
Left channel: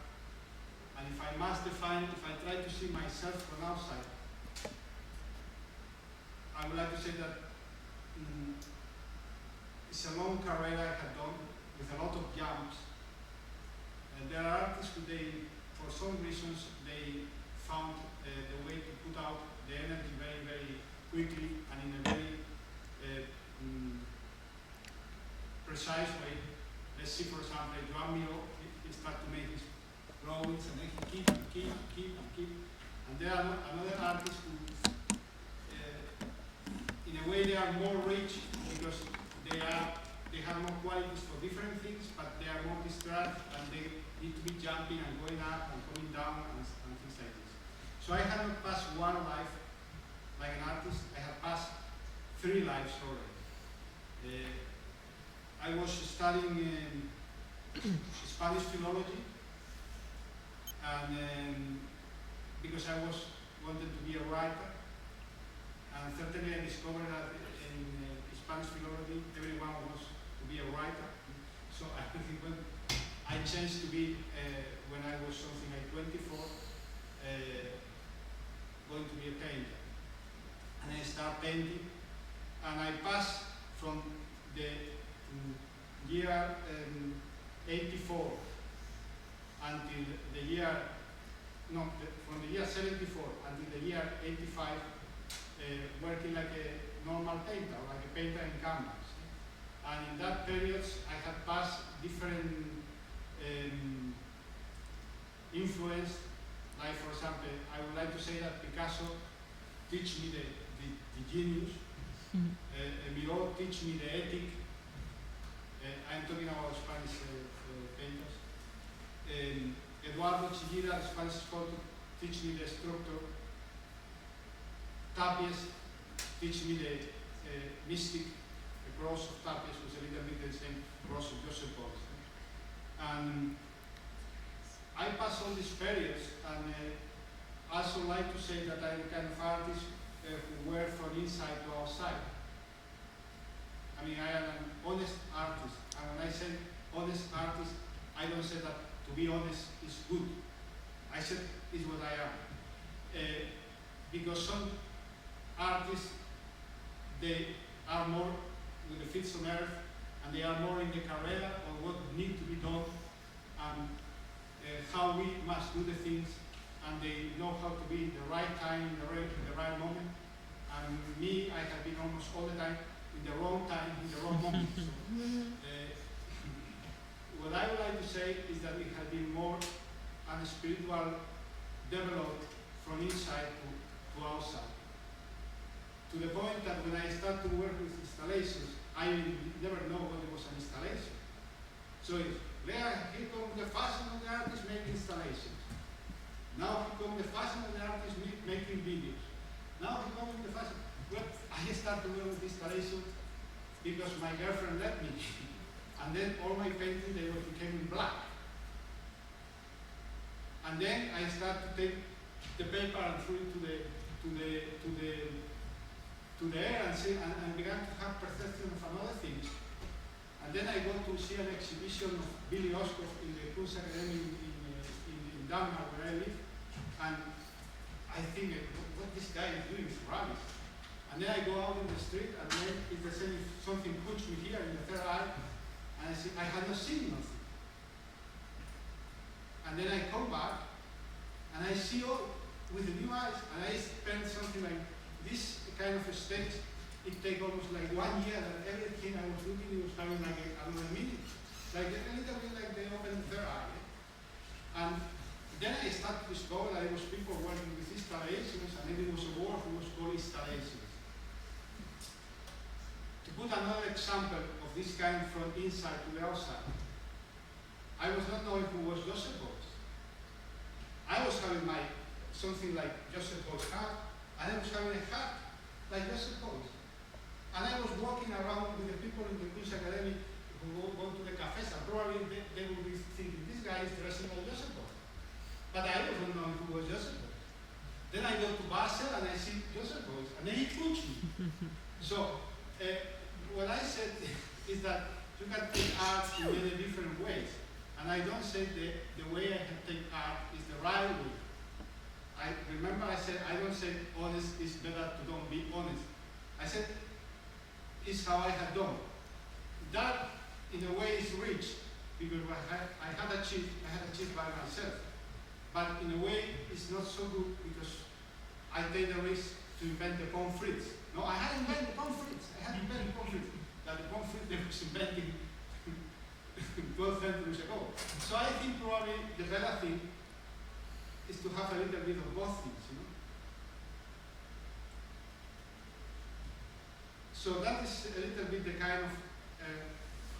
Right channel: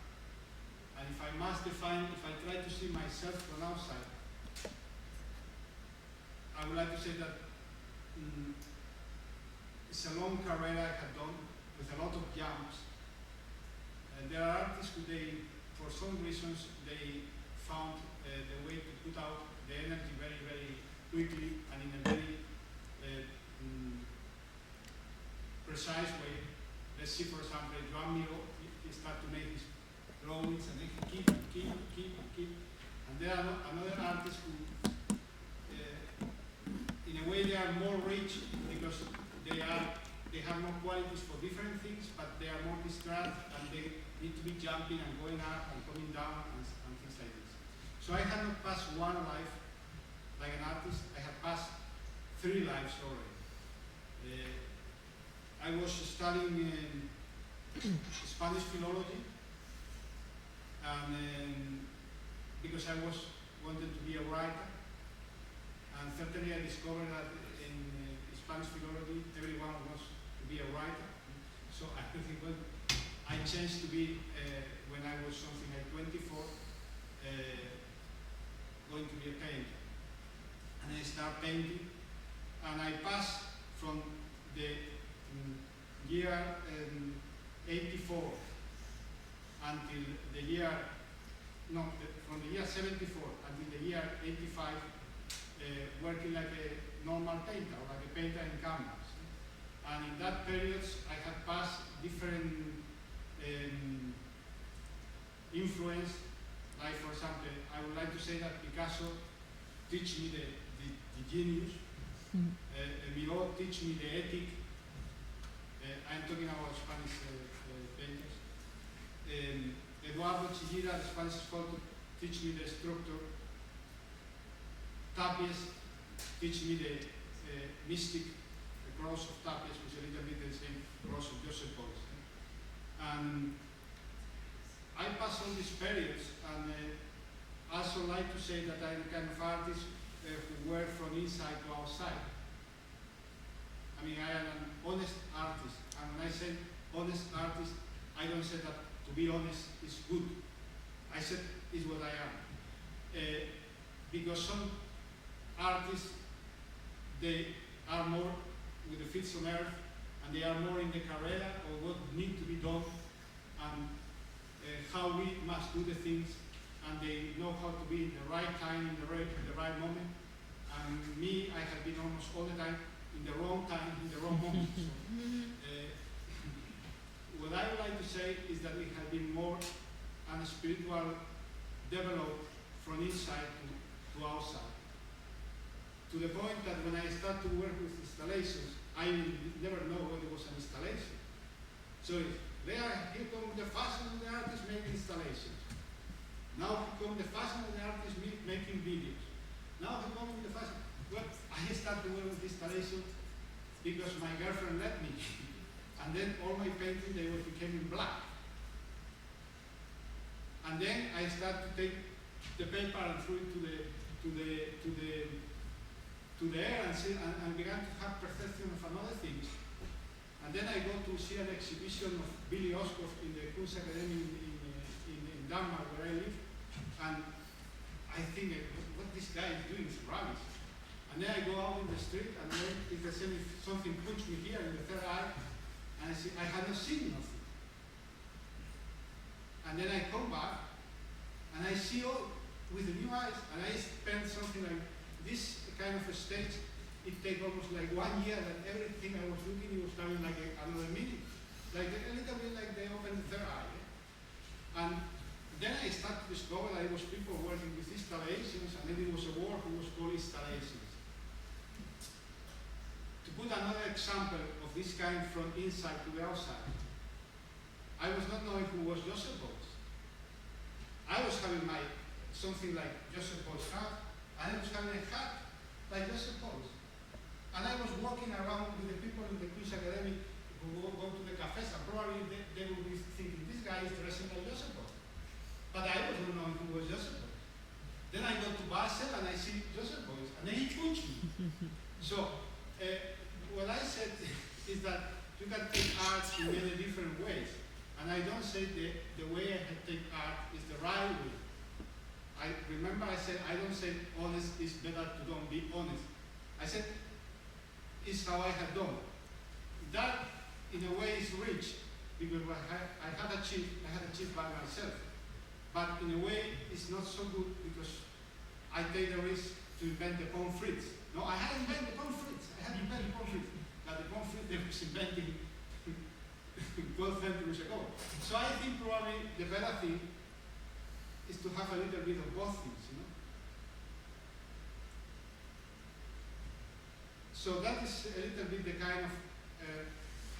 and if I must define, if I try to see myself from outside, I would like to say that it's a long career I have done with a lot of jumps. And there are artists who for some reasons, they found the way to put out the energy very, very quickly and in a very precise way. Let's see, for example, Joan Miró, he started to make his drawings and then he keep. And there are another artists who in a way they are more rich because they have more qualities for different things, but they are more distracted and they need to be jumping and going up and coming down and things like this. So I have not passed one life like an artist, I have passed 3 lives already. I was studying Spanish philology, and because I wanted to be a writer, and certainly I discovered that in Spanish philology everyone wants to be a writer. So I think when I changed to be, when I was something like 24, going to be a painter. And I started painting, and I passed from the year 84 until the year, from the year 74 until the year 85, working like a normal painter, like a painter in canvas. And in that period, I had passed different influence. Like, for example, I would like to say that Picasso teach me the genius. Miró teach me the ethic. I'm talking about Spanish painters. Eduardo Chillida, the Spanish sculptor, teach me the structure. Tapies teach me the mystic, the cross of Tapies was a little bit the same cross of Joseph Beuys. And I pass all these periods, and I also like to say that I'm the kind of artist who work from inside to outside. I mean, I am an honest artist, and when I say honest artist, I don't say that to be honest is good. I said is what I am. Because some artists, they are more with the feet on earth, and they are more in the career of what need to be done, and how we must do the things, and they know how to be in the right time, in the right moment. And me, I have been almost all the time in the wrong time, in the wrong moment. So, what I would like to say is that we have been more and spiritual developed from inside to outside. To the point that when I start to work with installations, I never know what it was an installation. So here comes the fashion of the artist making installations. Now here comes the fashion of the artist making videos. Now here comes the fashion. Well, I started to work with installations because my girlfriend let me. And then all my paintings, they became in black. And then I started to take the paper and threw it to the air and see, and began to have perception of another things. And then I go to see an exhibition of Billy Oskov in the Kunstakademie in Denmark, where I live, and I think, what this guy is doing is rubbish. And then I go out in the street, and then it's the same if something punched me here in the third eye, and I see I had not seen nothing. And then I come back, and I see all with the new eyes, and I spend something like this kind of a stage. It takes almost like 1 year, and everything I was looking, it was having like another meaning. Like a little bit like they opened the third eye. And then I started to discover that it was people working with installations, and then it was a word who was called installations. To put another example of this kind from inside to the outside, I was not knowing who was Joseph Beuys. I was having something like Joseph Beuys' hat, and I was having a hat like Joseph Beuys. And I was walking around with the people in the Kunstakademie who go to the cafes, and probably they would be thinking, this guy is dressing like Joseph Beuys. But I wasn't knowing who was Joseph Beuys. Then I go to Basel and I see Joseph Beuys, and then he punched me. So, what I said is that you can take art in many different ways. And I don't say the way I can take art is the right way. I remember I said, I don't say honest is better to don't be honest. I said, it's how I have done. That, in a way, is rich, because I had achieved by myself. But in a way, it's not so good, because I take the risk to invent the pommes frites. No, I hadn't invented the pommes frites. I hadn't invented pommes frites. That the pommes frites, they was invented 12 centuries ago. So I think probably the better thing is to have a little bit of both things, you know. So that is a little bit the kind of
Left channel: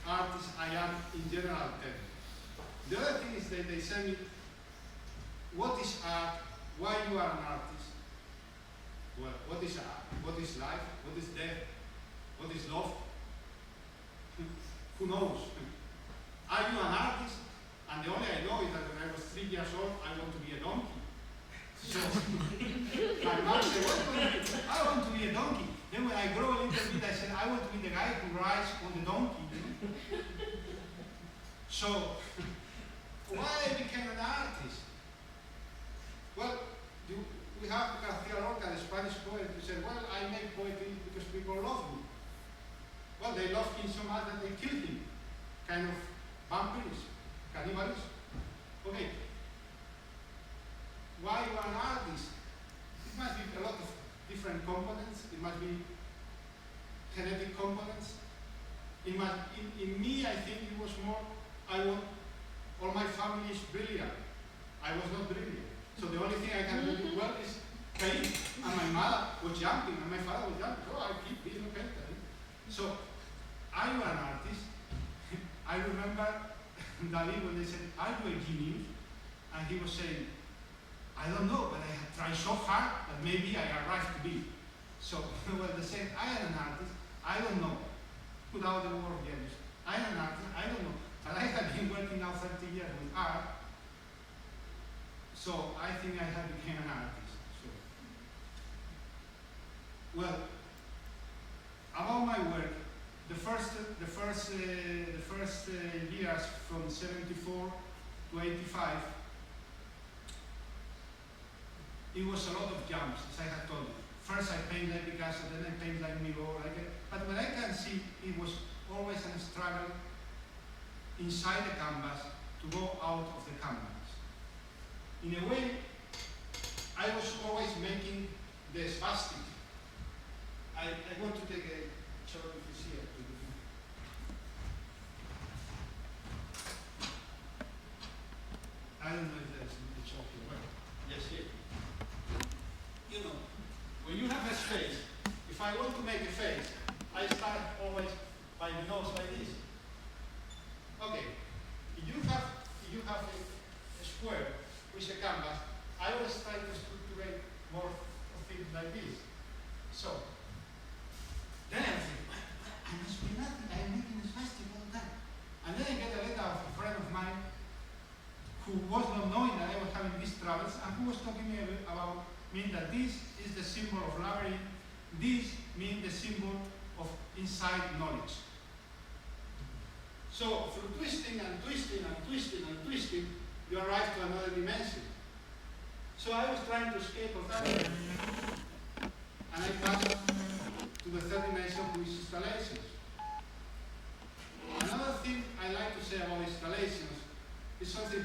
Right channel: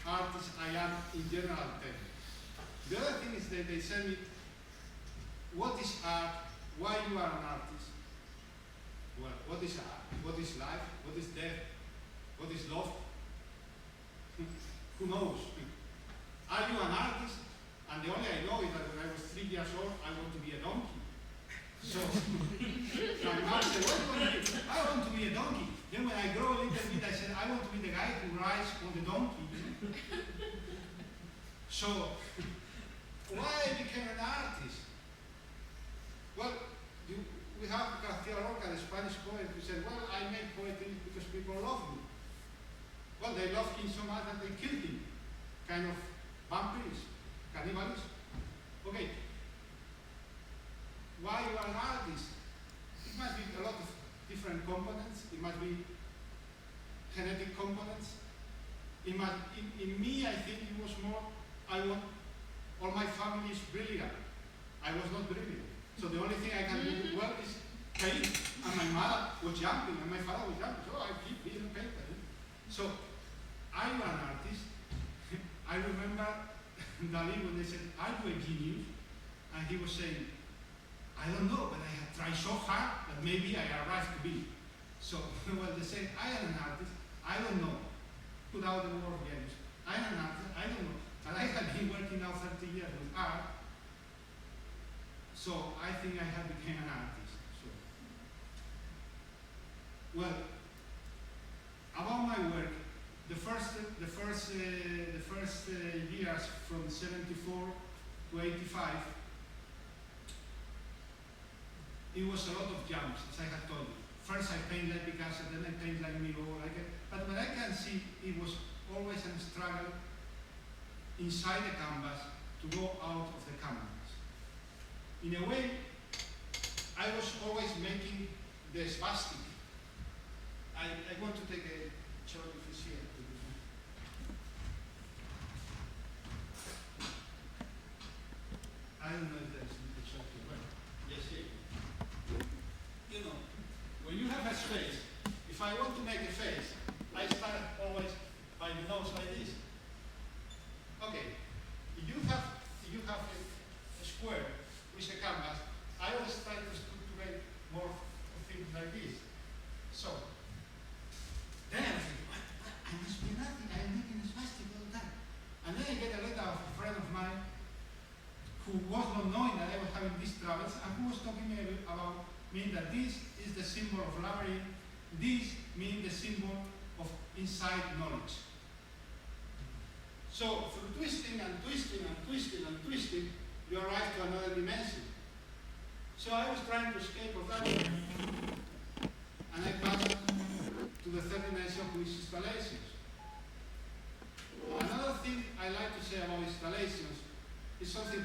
artist I am in general terms. The other thing is that they say me, what is art? Why you are an artist? Well, what is art? What is life? What is death? What is love? Who knows? Are you an artist? And the only I know is that when I was 3 years old, I want to be a donkey. So my mom said, what do you want to be? I want to be a donkey. Then when I grow a little bit, I said, I want to be the guy who rides on the donkey. So why I became an artist? Well, we have García Lorca, the Spanish poet, who said, well, I make poetry because people love me. Well, they loved him so much that they killed him. Kind of vampirism, cannibalism. Okay. Why you are an artist? It must be a lot of different components. It must be genetic components. in me, I think it was more, I want, all my family is brilliant. I was not brilliant. So the only thing I can do well is paint. And my mother was jumping, and my father was jumping. So I keep being a painter. So I'm an artist. I remember Dali when they said, "Are you a genius?" And he was saying, "I don't know, but I have tried so hard that maybe I arrived to be." So, well, they said, "I am an artist. I don't know." Without the word genius. I am an artist. I don't know. But I have been working now 30 years with art. So I think I have become an artist. So, well, about my work, the first years from 74 to 85, it was a lot of jumps, as I had told you. First I paint like Picasso, then I paint like Miro, but what I can see, it was always a struggle inside the canvas to go out of the canvas. In a way, I was always making the spastic. I want to take a shot if you see it. I don't know if there's a shot here. Well, yes, here. You know, when you have a space, if I want to make a face, I start always by the nose like this. Okay, if you have a square with a canvas, I always try to structure more of things like this. So, then I think, I must be nothing, I'm making a spastic all the time. And then I get a letter of a friend of mine who was not knowing that I was having these troubles and who was talking to me about mean that this is the symbol of labyrinth, this means the symbol of inside knowledge. So through twisting and twisting and twisting and twisting, you arrive to another dimension. So I was trying to escape of that, and I passed to the third dimension, which is installations. Another thing I like to say about installations is something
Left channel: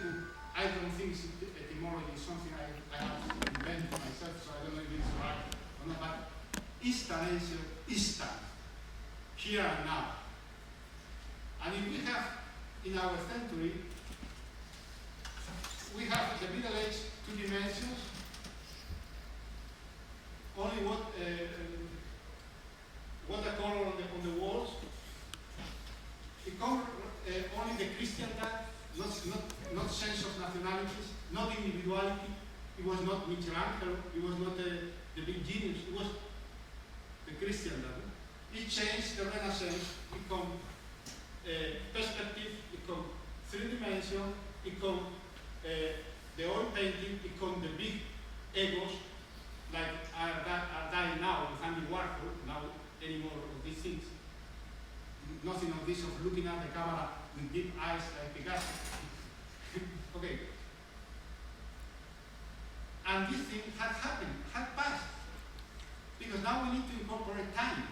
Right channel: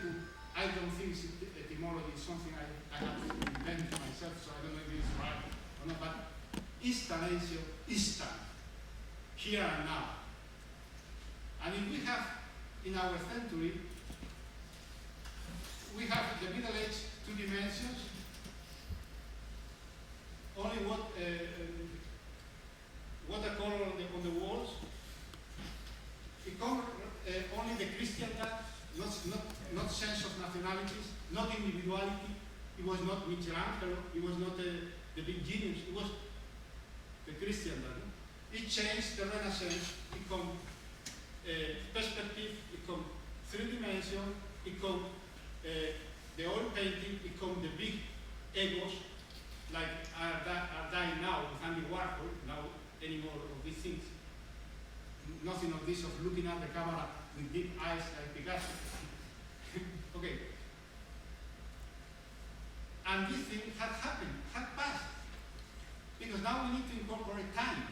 I don't think is etymology, it's something I have invented myself, so I don't know if it's right or not, but installation is time, here and now. And if we have, in our century, we have the Middle Age 2 dimensions, only watercolor on the walls, only the Christian type, not sense of nationalities, not individuality. It was not Michelangelo, it was not the big genius, it was the Christian type. It changed the Renaissance, it became perspective, it became 3 dimension, it became the oil painting, it became the big egos, like are dying now with Andy Warhol, now anymore of these things. Nothing of this of looking at the camera with deep eyes like Picasso. Okay. And this thing had happened, had passed. Because now we need to incorporate time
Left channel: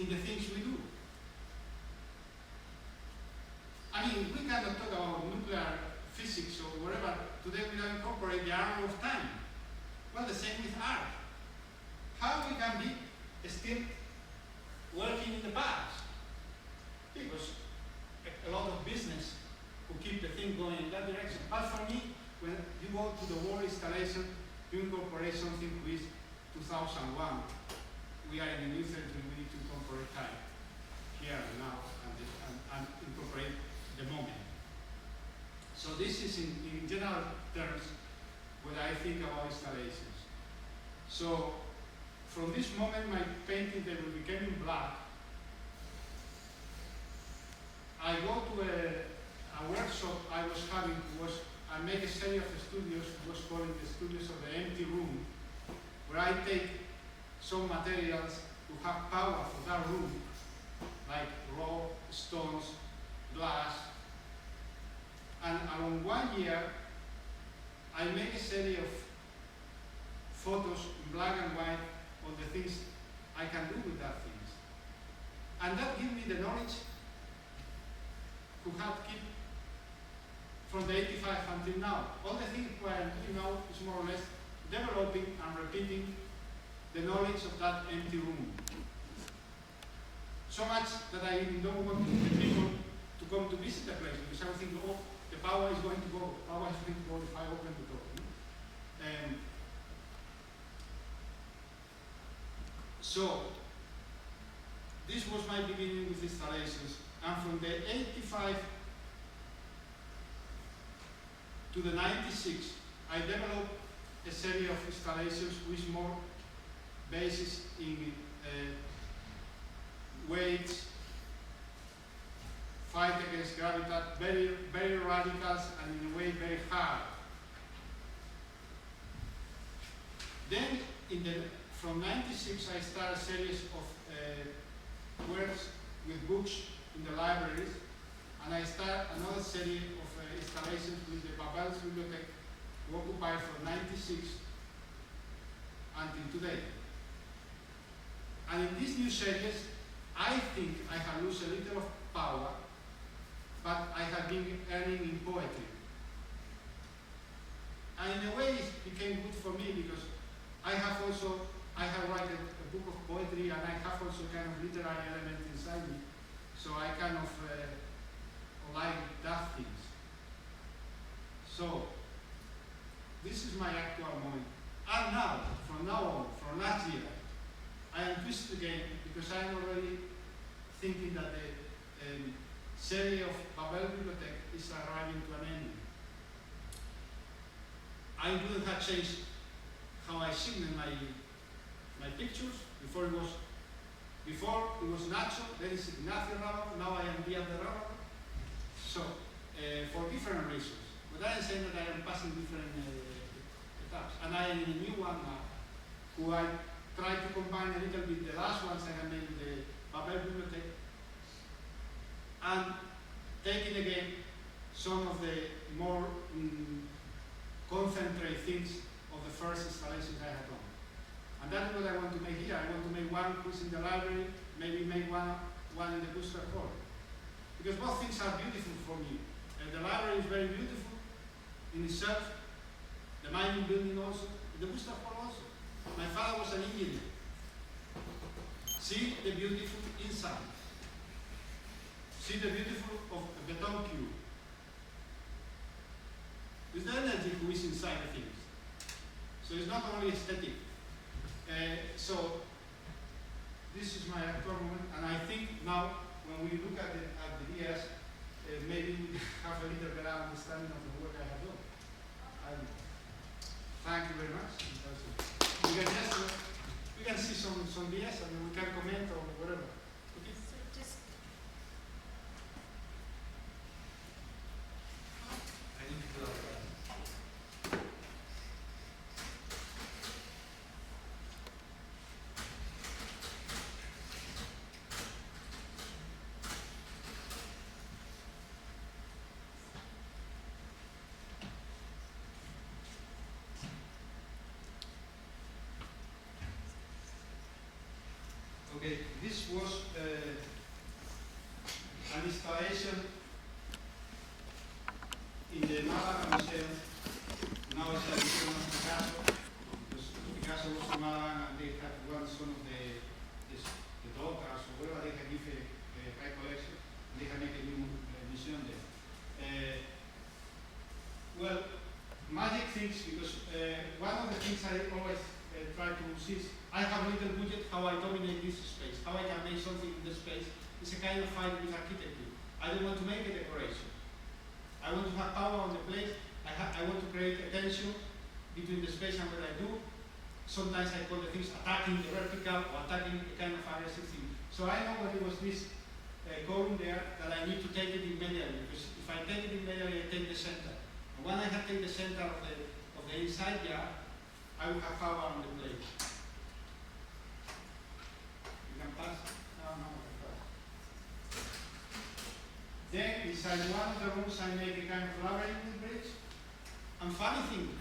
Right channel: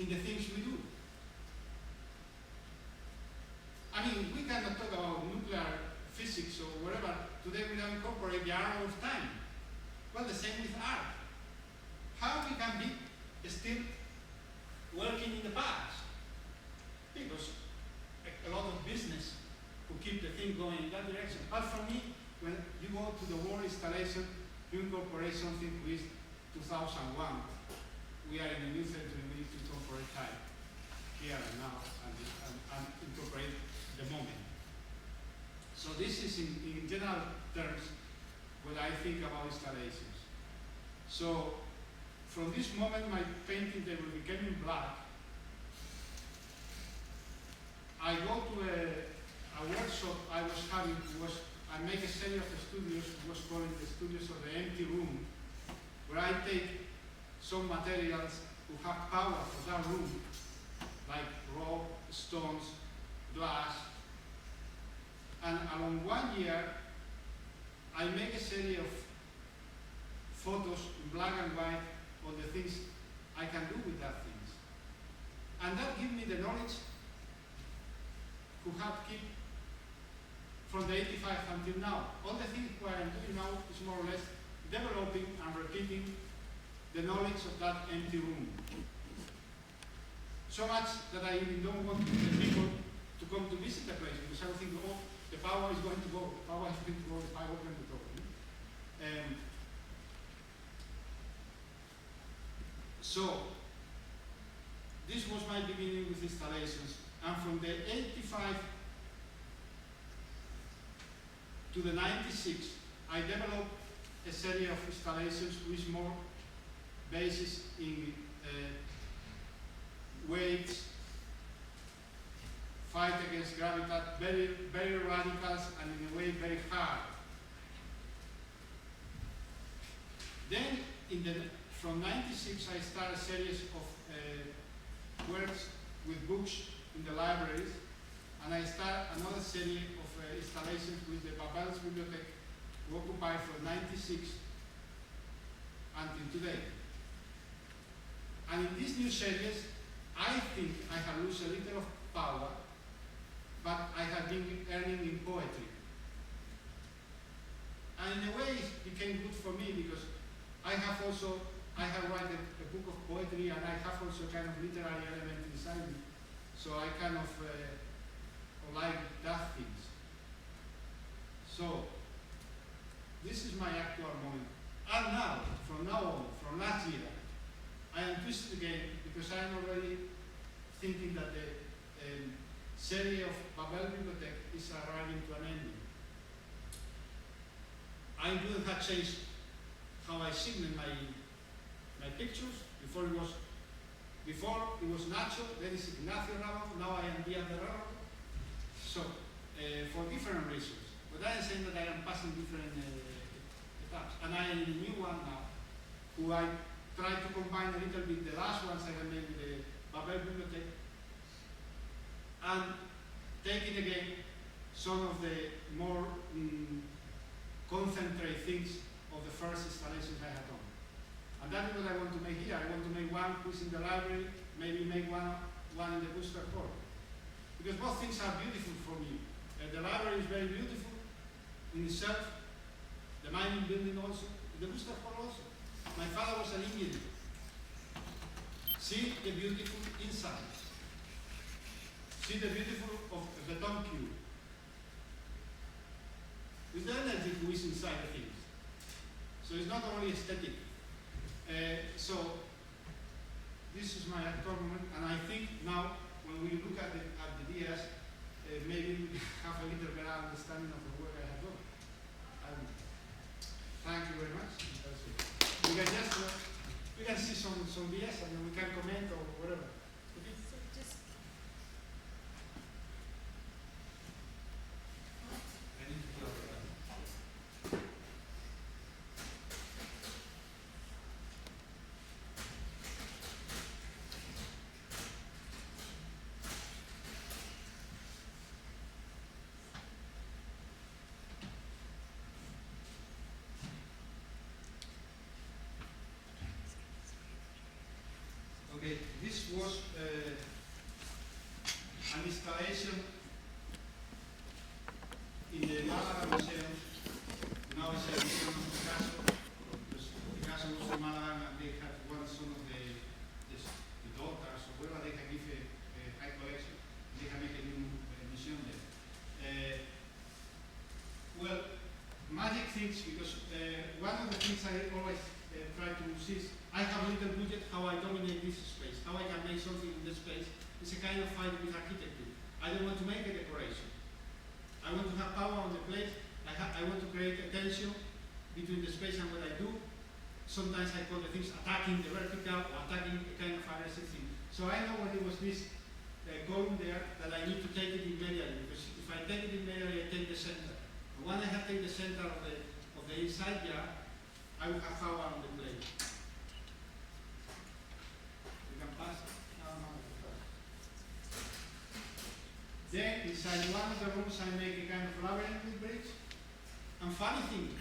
in the things we do. I mean, we cannot talk about nuclear physics or whatever today without incorporating the arrow of time. Well, the same with art. How we can be still working in the past? Because a lot of business who keep the thing going in that direction. But for me, when you go to the world installation, you incorporate something with 2001. We are in a new century, we need to incorporate time, here and now, and incorporate the moment. So this is in general terms what I think about installations. So from this moment, my painting, they will become in black. I go to a workshop I was having, I make a series of studios, it was called the Studios of the Empty Room, where I take some materials who have power for that room, like rock, stones, glass, and along 1 year, I make a series of photos in black and white on the things I can do with that things. And that gives me the knowledge who have kept from the 85 until now. All the things what I'm doing now is more or less developing and repeating the knowledge of that empty room. So much that I even don't want the people to come to visit the place because I would think, oh, the power is going to go. The power is going to go if I open the door. So, this was my beginning with installations. And from the 85 to the 96, I developed a series of installations with more basis in weights, fight against gravity, very, very radicals and in a way very hard. Then from 96 I started a series of works with books in the libraries, and I started another series of installations with the Babel's Bibliothèque, who occupied from 96 until today. And in this new series, I think I have lost a little of power, but I have been earning in poetry. And in a way it became good for me because I have written a book of poetry and I have also kind of literary element inside me. So I kind of like that things. So this is my actual moment. And now, from now on, from last year, I am twisted again because I am already thinking that the series of Babel Bibliothèque is arriving to an end. I wouldn't have changed how I signal my pictures. Before it was Nacho, then it's Ignacio Rábago, now I am Díaz de Rábago. So, for different reasons. But I am saying that I am passing different etaps. And I am in a new one now, who I try to combine a little bit the last ones I have made with the Babel Bibliothèque, and taking again some of the more concentrated things of the first installations I had done. And that is what I want to make here. I want to make one who's in the library, maybe make one in the Booster Hall. Because both things are beautiful for me. The library is very beautiful in itself, the mining building also, the Booster Hall also. My father was an engineer. See the beautiful inside. See the beautiful of a beton cube. It's the energy who is inside the things. So it's not only aesthetic. So this is my actual moment, and I think now when we look at the ideas, maybe we have a little better understanding of the work I have done. Thank you very much. We can see some ideas and we can comment or whatever. Okay? So just I need to put up the Okay, this was an installation in the Málaga Museum. Now it's a museum of Picasso, because Picasso was from Málaga and they had one son of the daughters or whatever, they can give a high collection. They can make a new museum there. Well, magic things, because one of the things I always try to see is I have a little budget how I dominate this space, how I can make something in this space. It's a kind of fight with architecture. I don't want to make a decoration. I want to have power on the place. I want to create a tension between the space and what I do. Sometimes I call the things attacking the vertical or attacking a kind of aggressive thing. So I know when there was this column there that I need to take it immediately, because if I take it immediately, I take the center. And when I have taken the center of the inside yard, I will have power on the plate. You can pass. No, pass. Then inside one of the rooms I make a kind of labyrinth with bricks. And funny thing,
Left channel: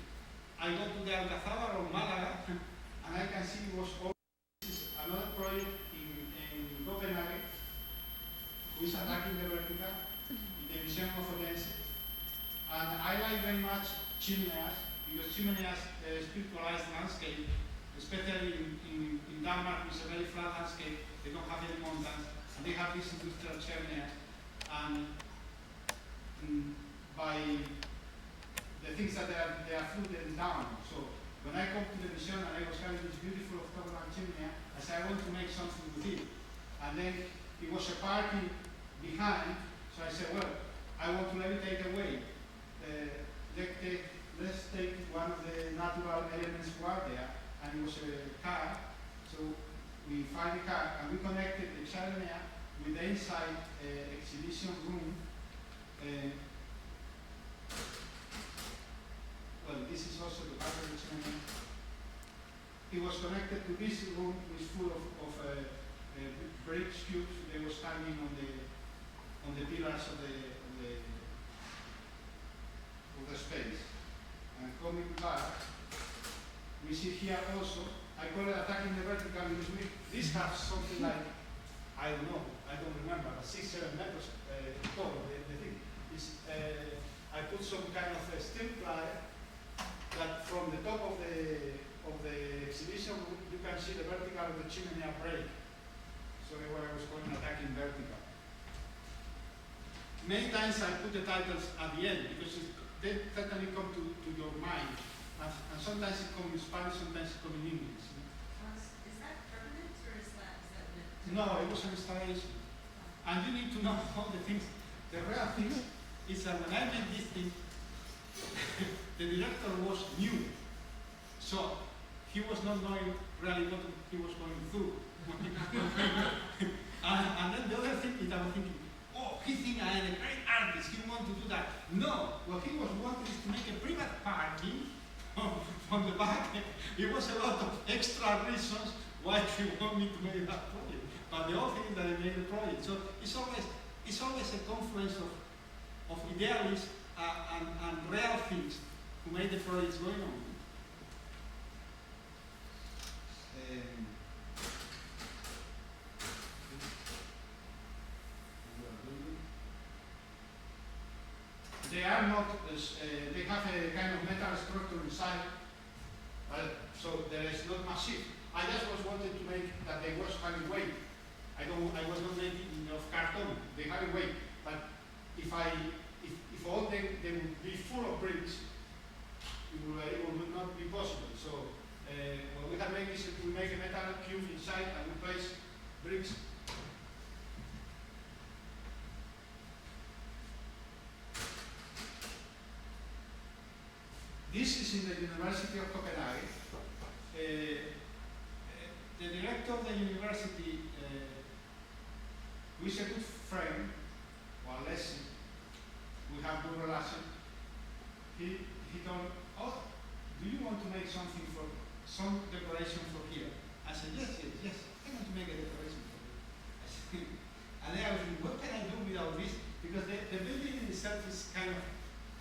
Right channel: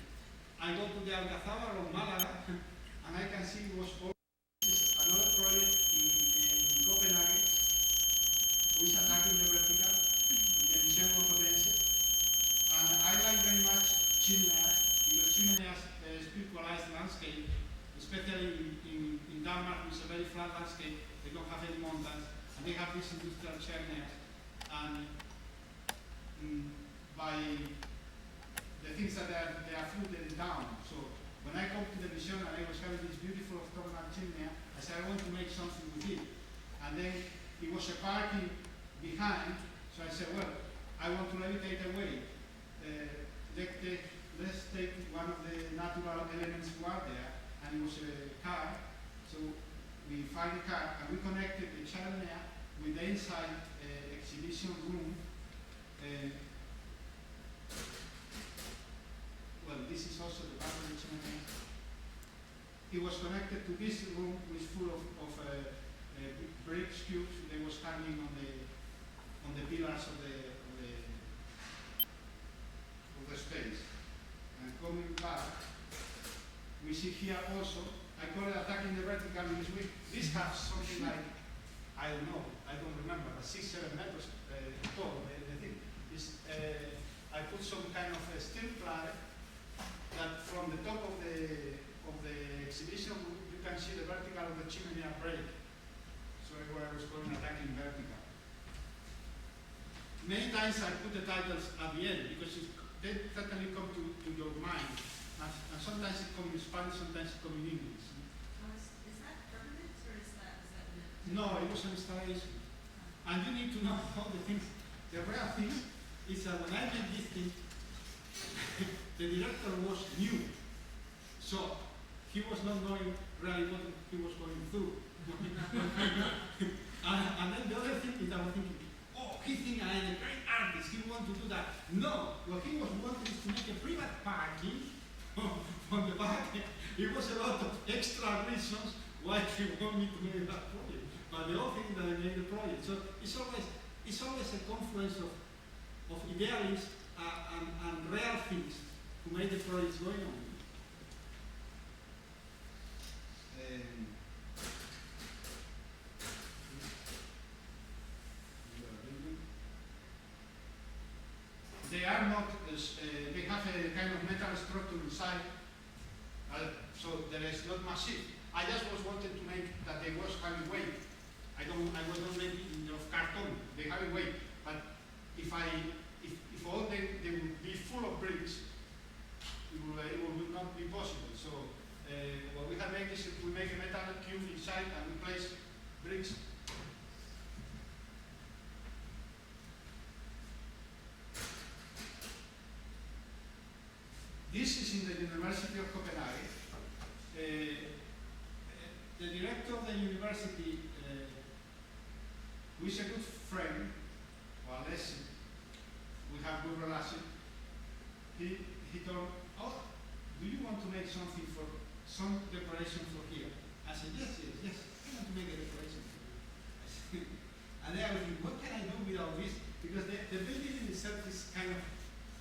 I go to the Alcazaba of Malaga and I can see it was all another project in Copenhagen who is attacking the vertical in the Museum of Odense. And I like very much chimeneas, because chimeneas spiritualize landscape, especially in Denmark, which is a very flat landscape. They don't have any mountains. and they have these industrial chimeneas, and by the things that they are floating down. So when I come to the mission and I was having this beautiful octagonal chimney, I said I want to make something with it. And then it was a party behind, so I said, well, I want to levitate away. Let's take one of the natural elements who are there, and it was a car. So we find the car and we connected the chimney with the inside exhibition room. Well, this is also the part of the chimney. It was connected to this room, which is full of bricks cubes. They were standing on the pillars of the space. And coming back, we see here also, I call it attacking the vertical because this has something like, I don't know, I don't remember, 6-7 meters tall. The thing is, I put some kind of a steel ply that from the top of the exhibition you can see the vertical of the chimney break. So what I was calling attacking vertical. Many times I put the titles at the end because they certainly come to your mind. And sometimes it comes in Spanish, sometimes it comes in English. Is that permanent or is that meant? No, it was an installation. And you need to know all the things. The real thing is that when I made this thing, the director was new. So he was not knowing really what he was going through. and then the other thing is I was thinking, oh, he thinks I am a great artist, he wants to do that. No, what he was wanting is to make a private parking on the back. It was a lot of extra reasons why he wanted me to make that project. But the whole thing is that I made the project. So it's always a confluence of idealists and real things who made the projects going on. They are not, they have a kind of metal structure inside, so there is not massive. I just wanted to make that they was having weight. I was not making of carton, they have a weight. But if all they would be full of bricks, it would not be possible. So what we have made is we make a metal cube inside and we place bricks. This is in the University of Copenhagen. The director of the university, who is a good friend, or lesson, we have good relation, he told, oh, do you want to make something for, some decoration for here? I said, yes, I want to make a decoration for you. And then I was thinking, what can I do with all this? Because the building in itself is kind of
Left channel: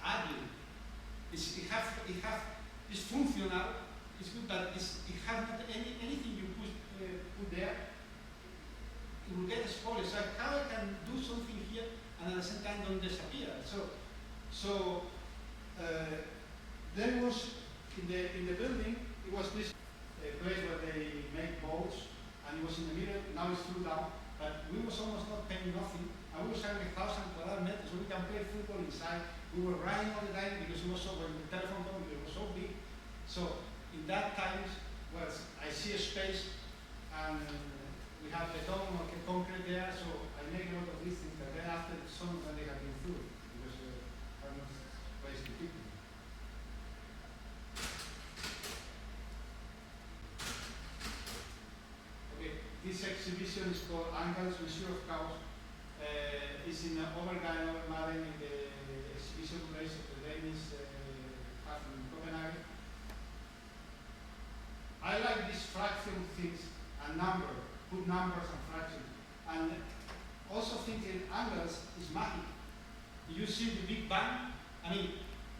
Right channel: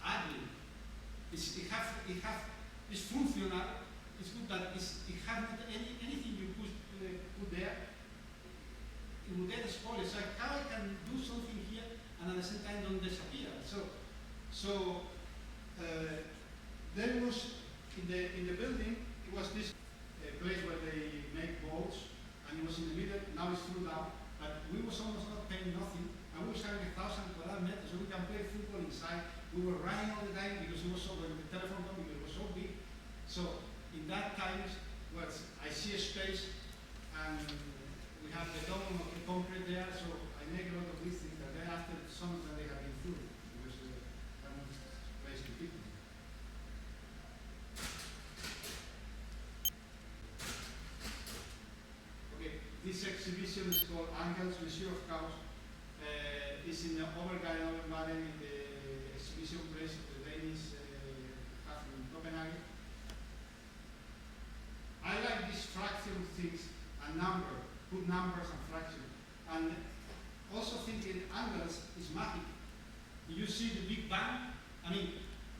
ugly. It's functional, it's good, but it has not anything you put there, it will get spoiled. So how I can do something here and at the same time don't disappear? So there was in the building, it was this place where they make boats, and it was in the middle. Now it's through down, but we was almost not paying nothing, and we was having 1,000 square meters, so we can play football inside. We were running all the time because it was so, when the telephone company was so big. So in that times, well, I see a space and we have the common concrete there, so I make a lot of these things, but then after some of them they have been through because I'm not placing people. Okay, this exhibition is called Angels, Measure of Chaos. It's in Overgaard, Overmaren, in the exhibition place of the Danish have in Copenhagen. I like these fraction things and put numbers and fractions. And also thinking angles is magic. You see the Big Bang, I mean,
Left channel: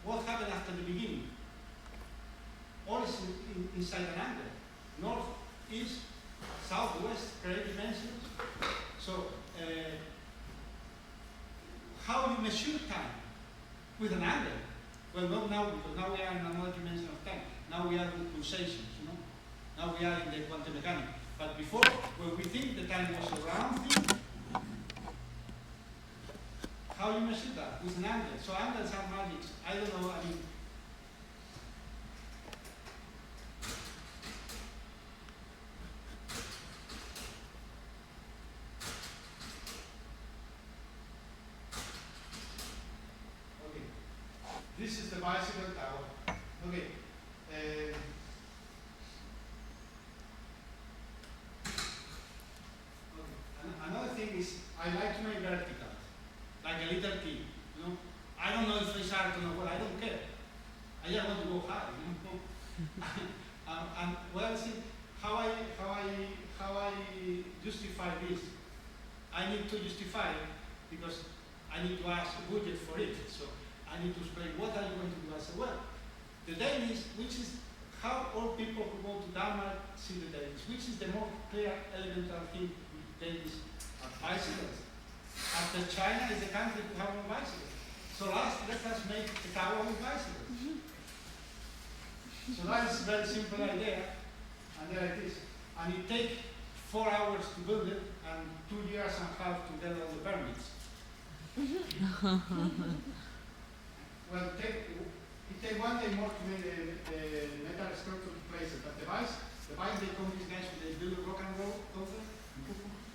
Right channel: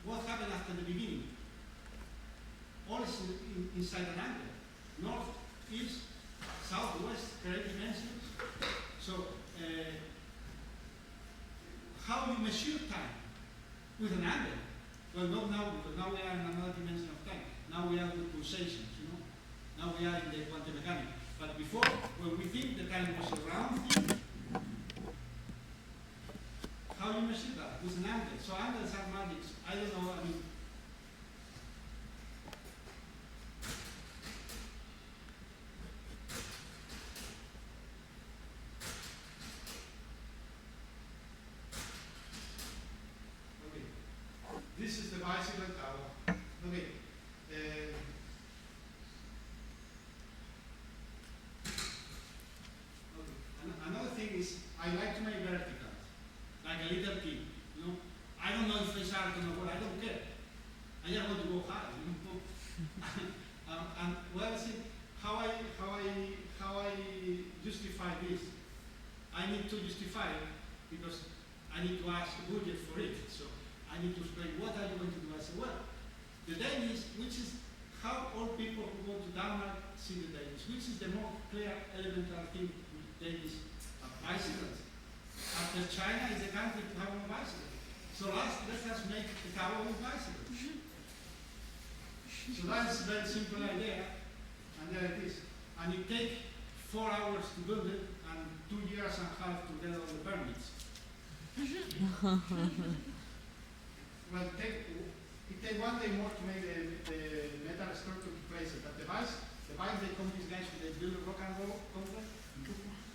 what happened after the beginning? All is inside an angle. North, east, south, west, create dimensions. So, how you measure time? With an angle. Well, not now, because now we are in another dimension of time. Now we are with pulsations, you know. Now we are in the quantum mechanics. But before, when we think the time was a round thing, how you measure that with an angle. So angles are magic. I don't know. I mean, okay. This is the bicycle tower. Okay. Okay. Another thing is I like to make vertical, like a little kid. You know, I don't know if it's art or not. I don't care. I just want to go high. You know. And well, see how I justify this. I need to justify it because I need to ask a budget for it. So I need to explain what are you going to do. I say, well, the Danish, which is how all people who go to Denmark see the Danish, which is the more clear, elemental thing with Danish are bicycles. After China is a country to have no bicycles. So let us make a tower with bicycles. So that is a very simple idea, and there it is. And it takes 4 hours to build it, and 2 years and a half to get all the permits. Well, it takes 1 day more to make the metal structure to place it, but the bike they come these guys when they build a rock and roll complex,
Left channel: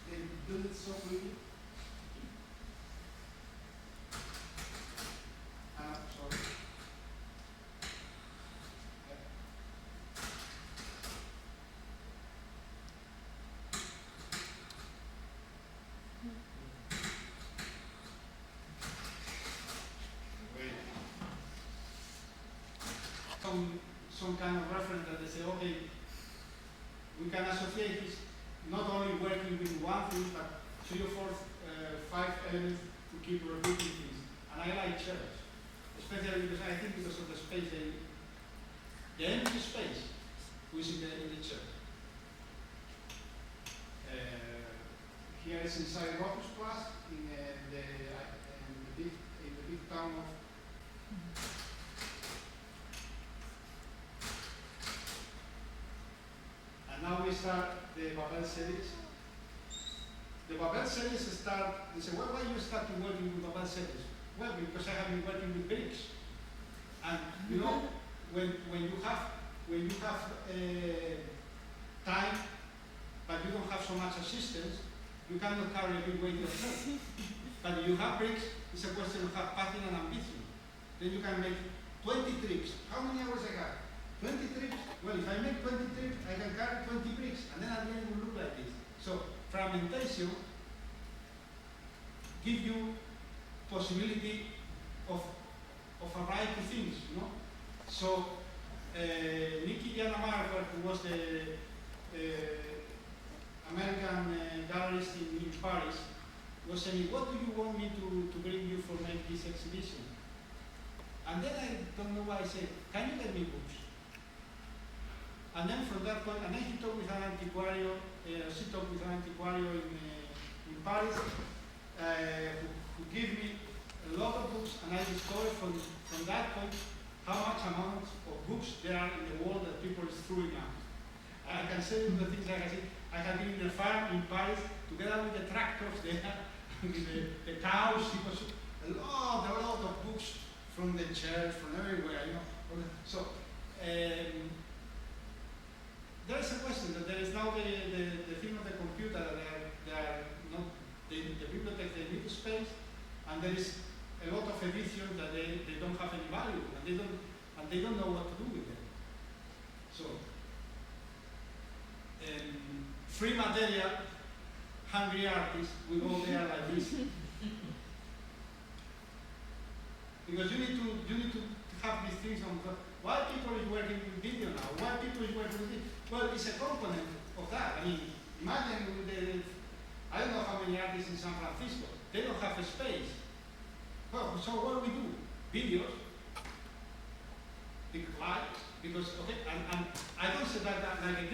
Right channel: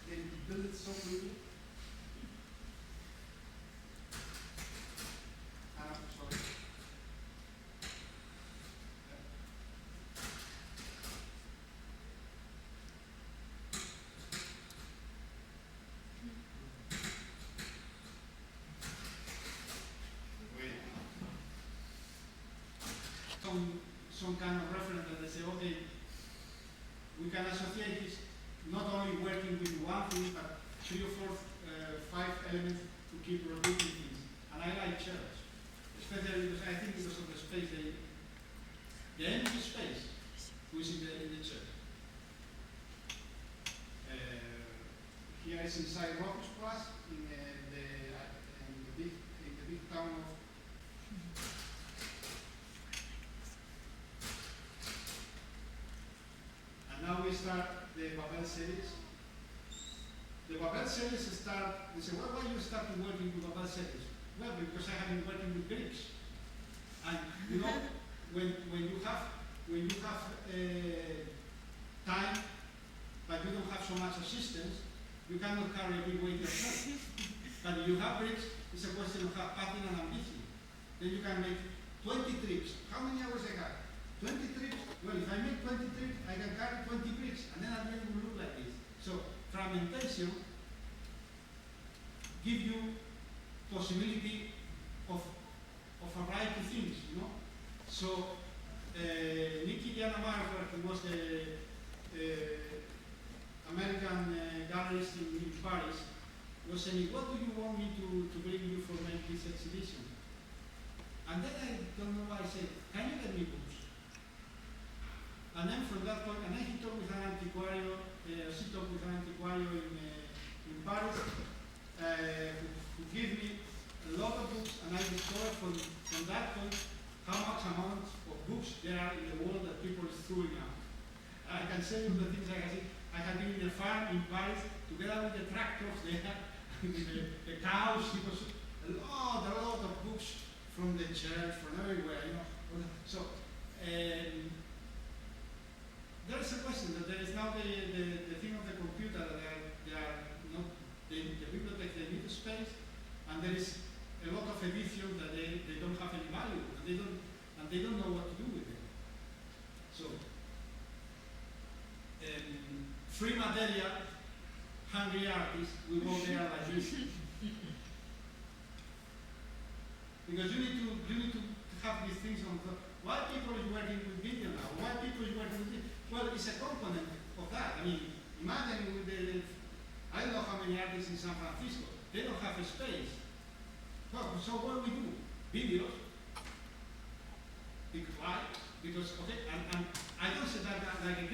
they build it so quickly. Sorry. Some kind of reference that they say, okay, we can associate this not only working with one thing, but 3 or 4, 5 elements to keep repeating things. And I like chairs, especially because I think because of the space, the empty space which is in the chair. Here is inside Rocus Plus in the big town of. Now we start the Babel series. The Babel series they say, well, why you started working with Babel series? Well, because I have been working with bricks. And you know, when you have time, but you don't have so much assistance, you cannot carry a big weight yourself. But if you have bricks, it's a question of passion and ambition. Then you can make 20 trips. How many hours I have? 20 trips? Well, if I make 20 trips, I can carry 20 bricks, and then at the end it will look like this. So, fragmentation gives you possibility of a variety of things, you know? So, Nicky Giannamarca, who was the American gallerist in Paris, was saying, what do you want me to bring you for make this exhibition? And then I don't know why I said, can you get me books? And then from that point, and then he talked with an antiquario, in Paris, who gave me a lot of books, and I discovered from that point how much amount of books there are in the world that people is throwing out. I can say the things like I said, I have been in a farm in Paris together with the tractors there, with the cows. It was a lot of books from the church, from everywhere, you know. So. There is a question that there is now the thing of the computer that they are not the bibliothèque, they need space, and there is a lot of editions that they don't have any value, and they don't know what to do with them. So free material, hungry artists, we go there like this. Because you need to have these things on the why people is working with video now, why people is working with it. Well, it's a component of that. I mean, imagine with I don't know how many artists in San Francisco, they don't have a space. Well, so what do we do? Videos. Why? Because, okay, and I don't say that like a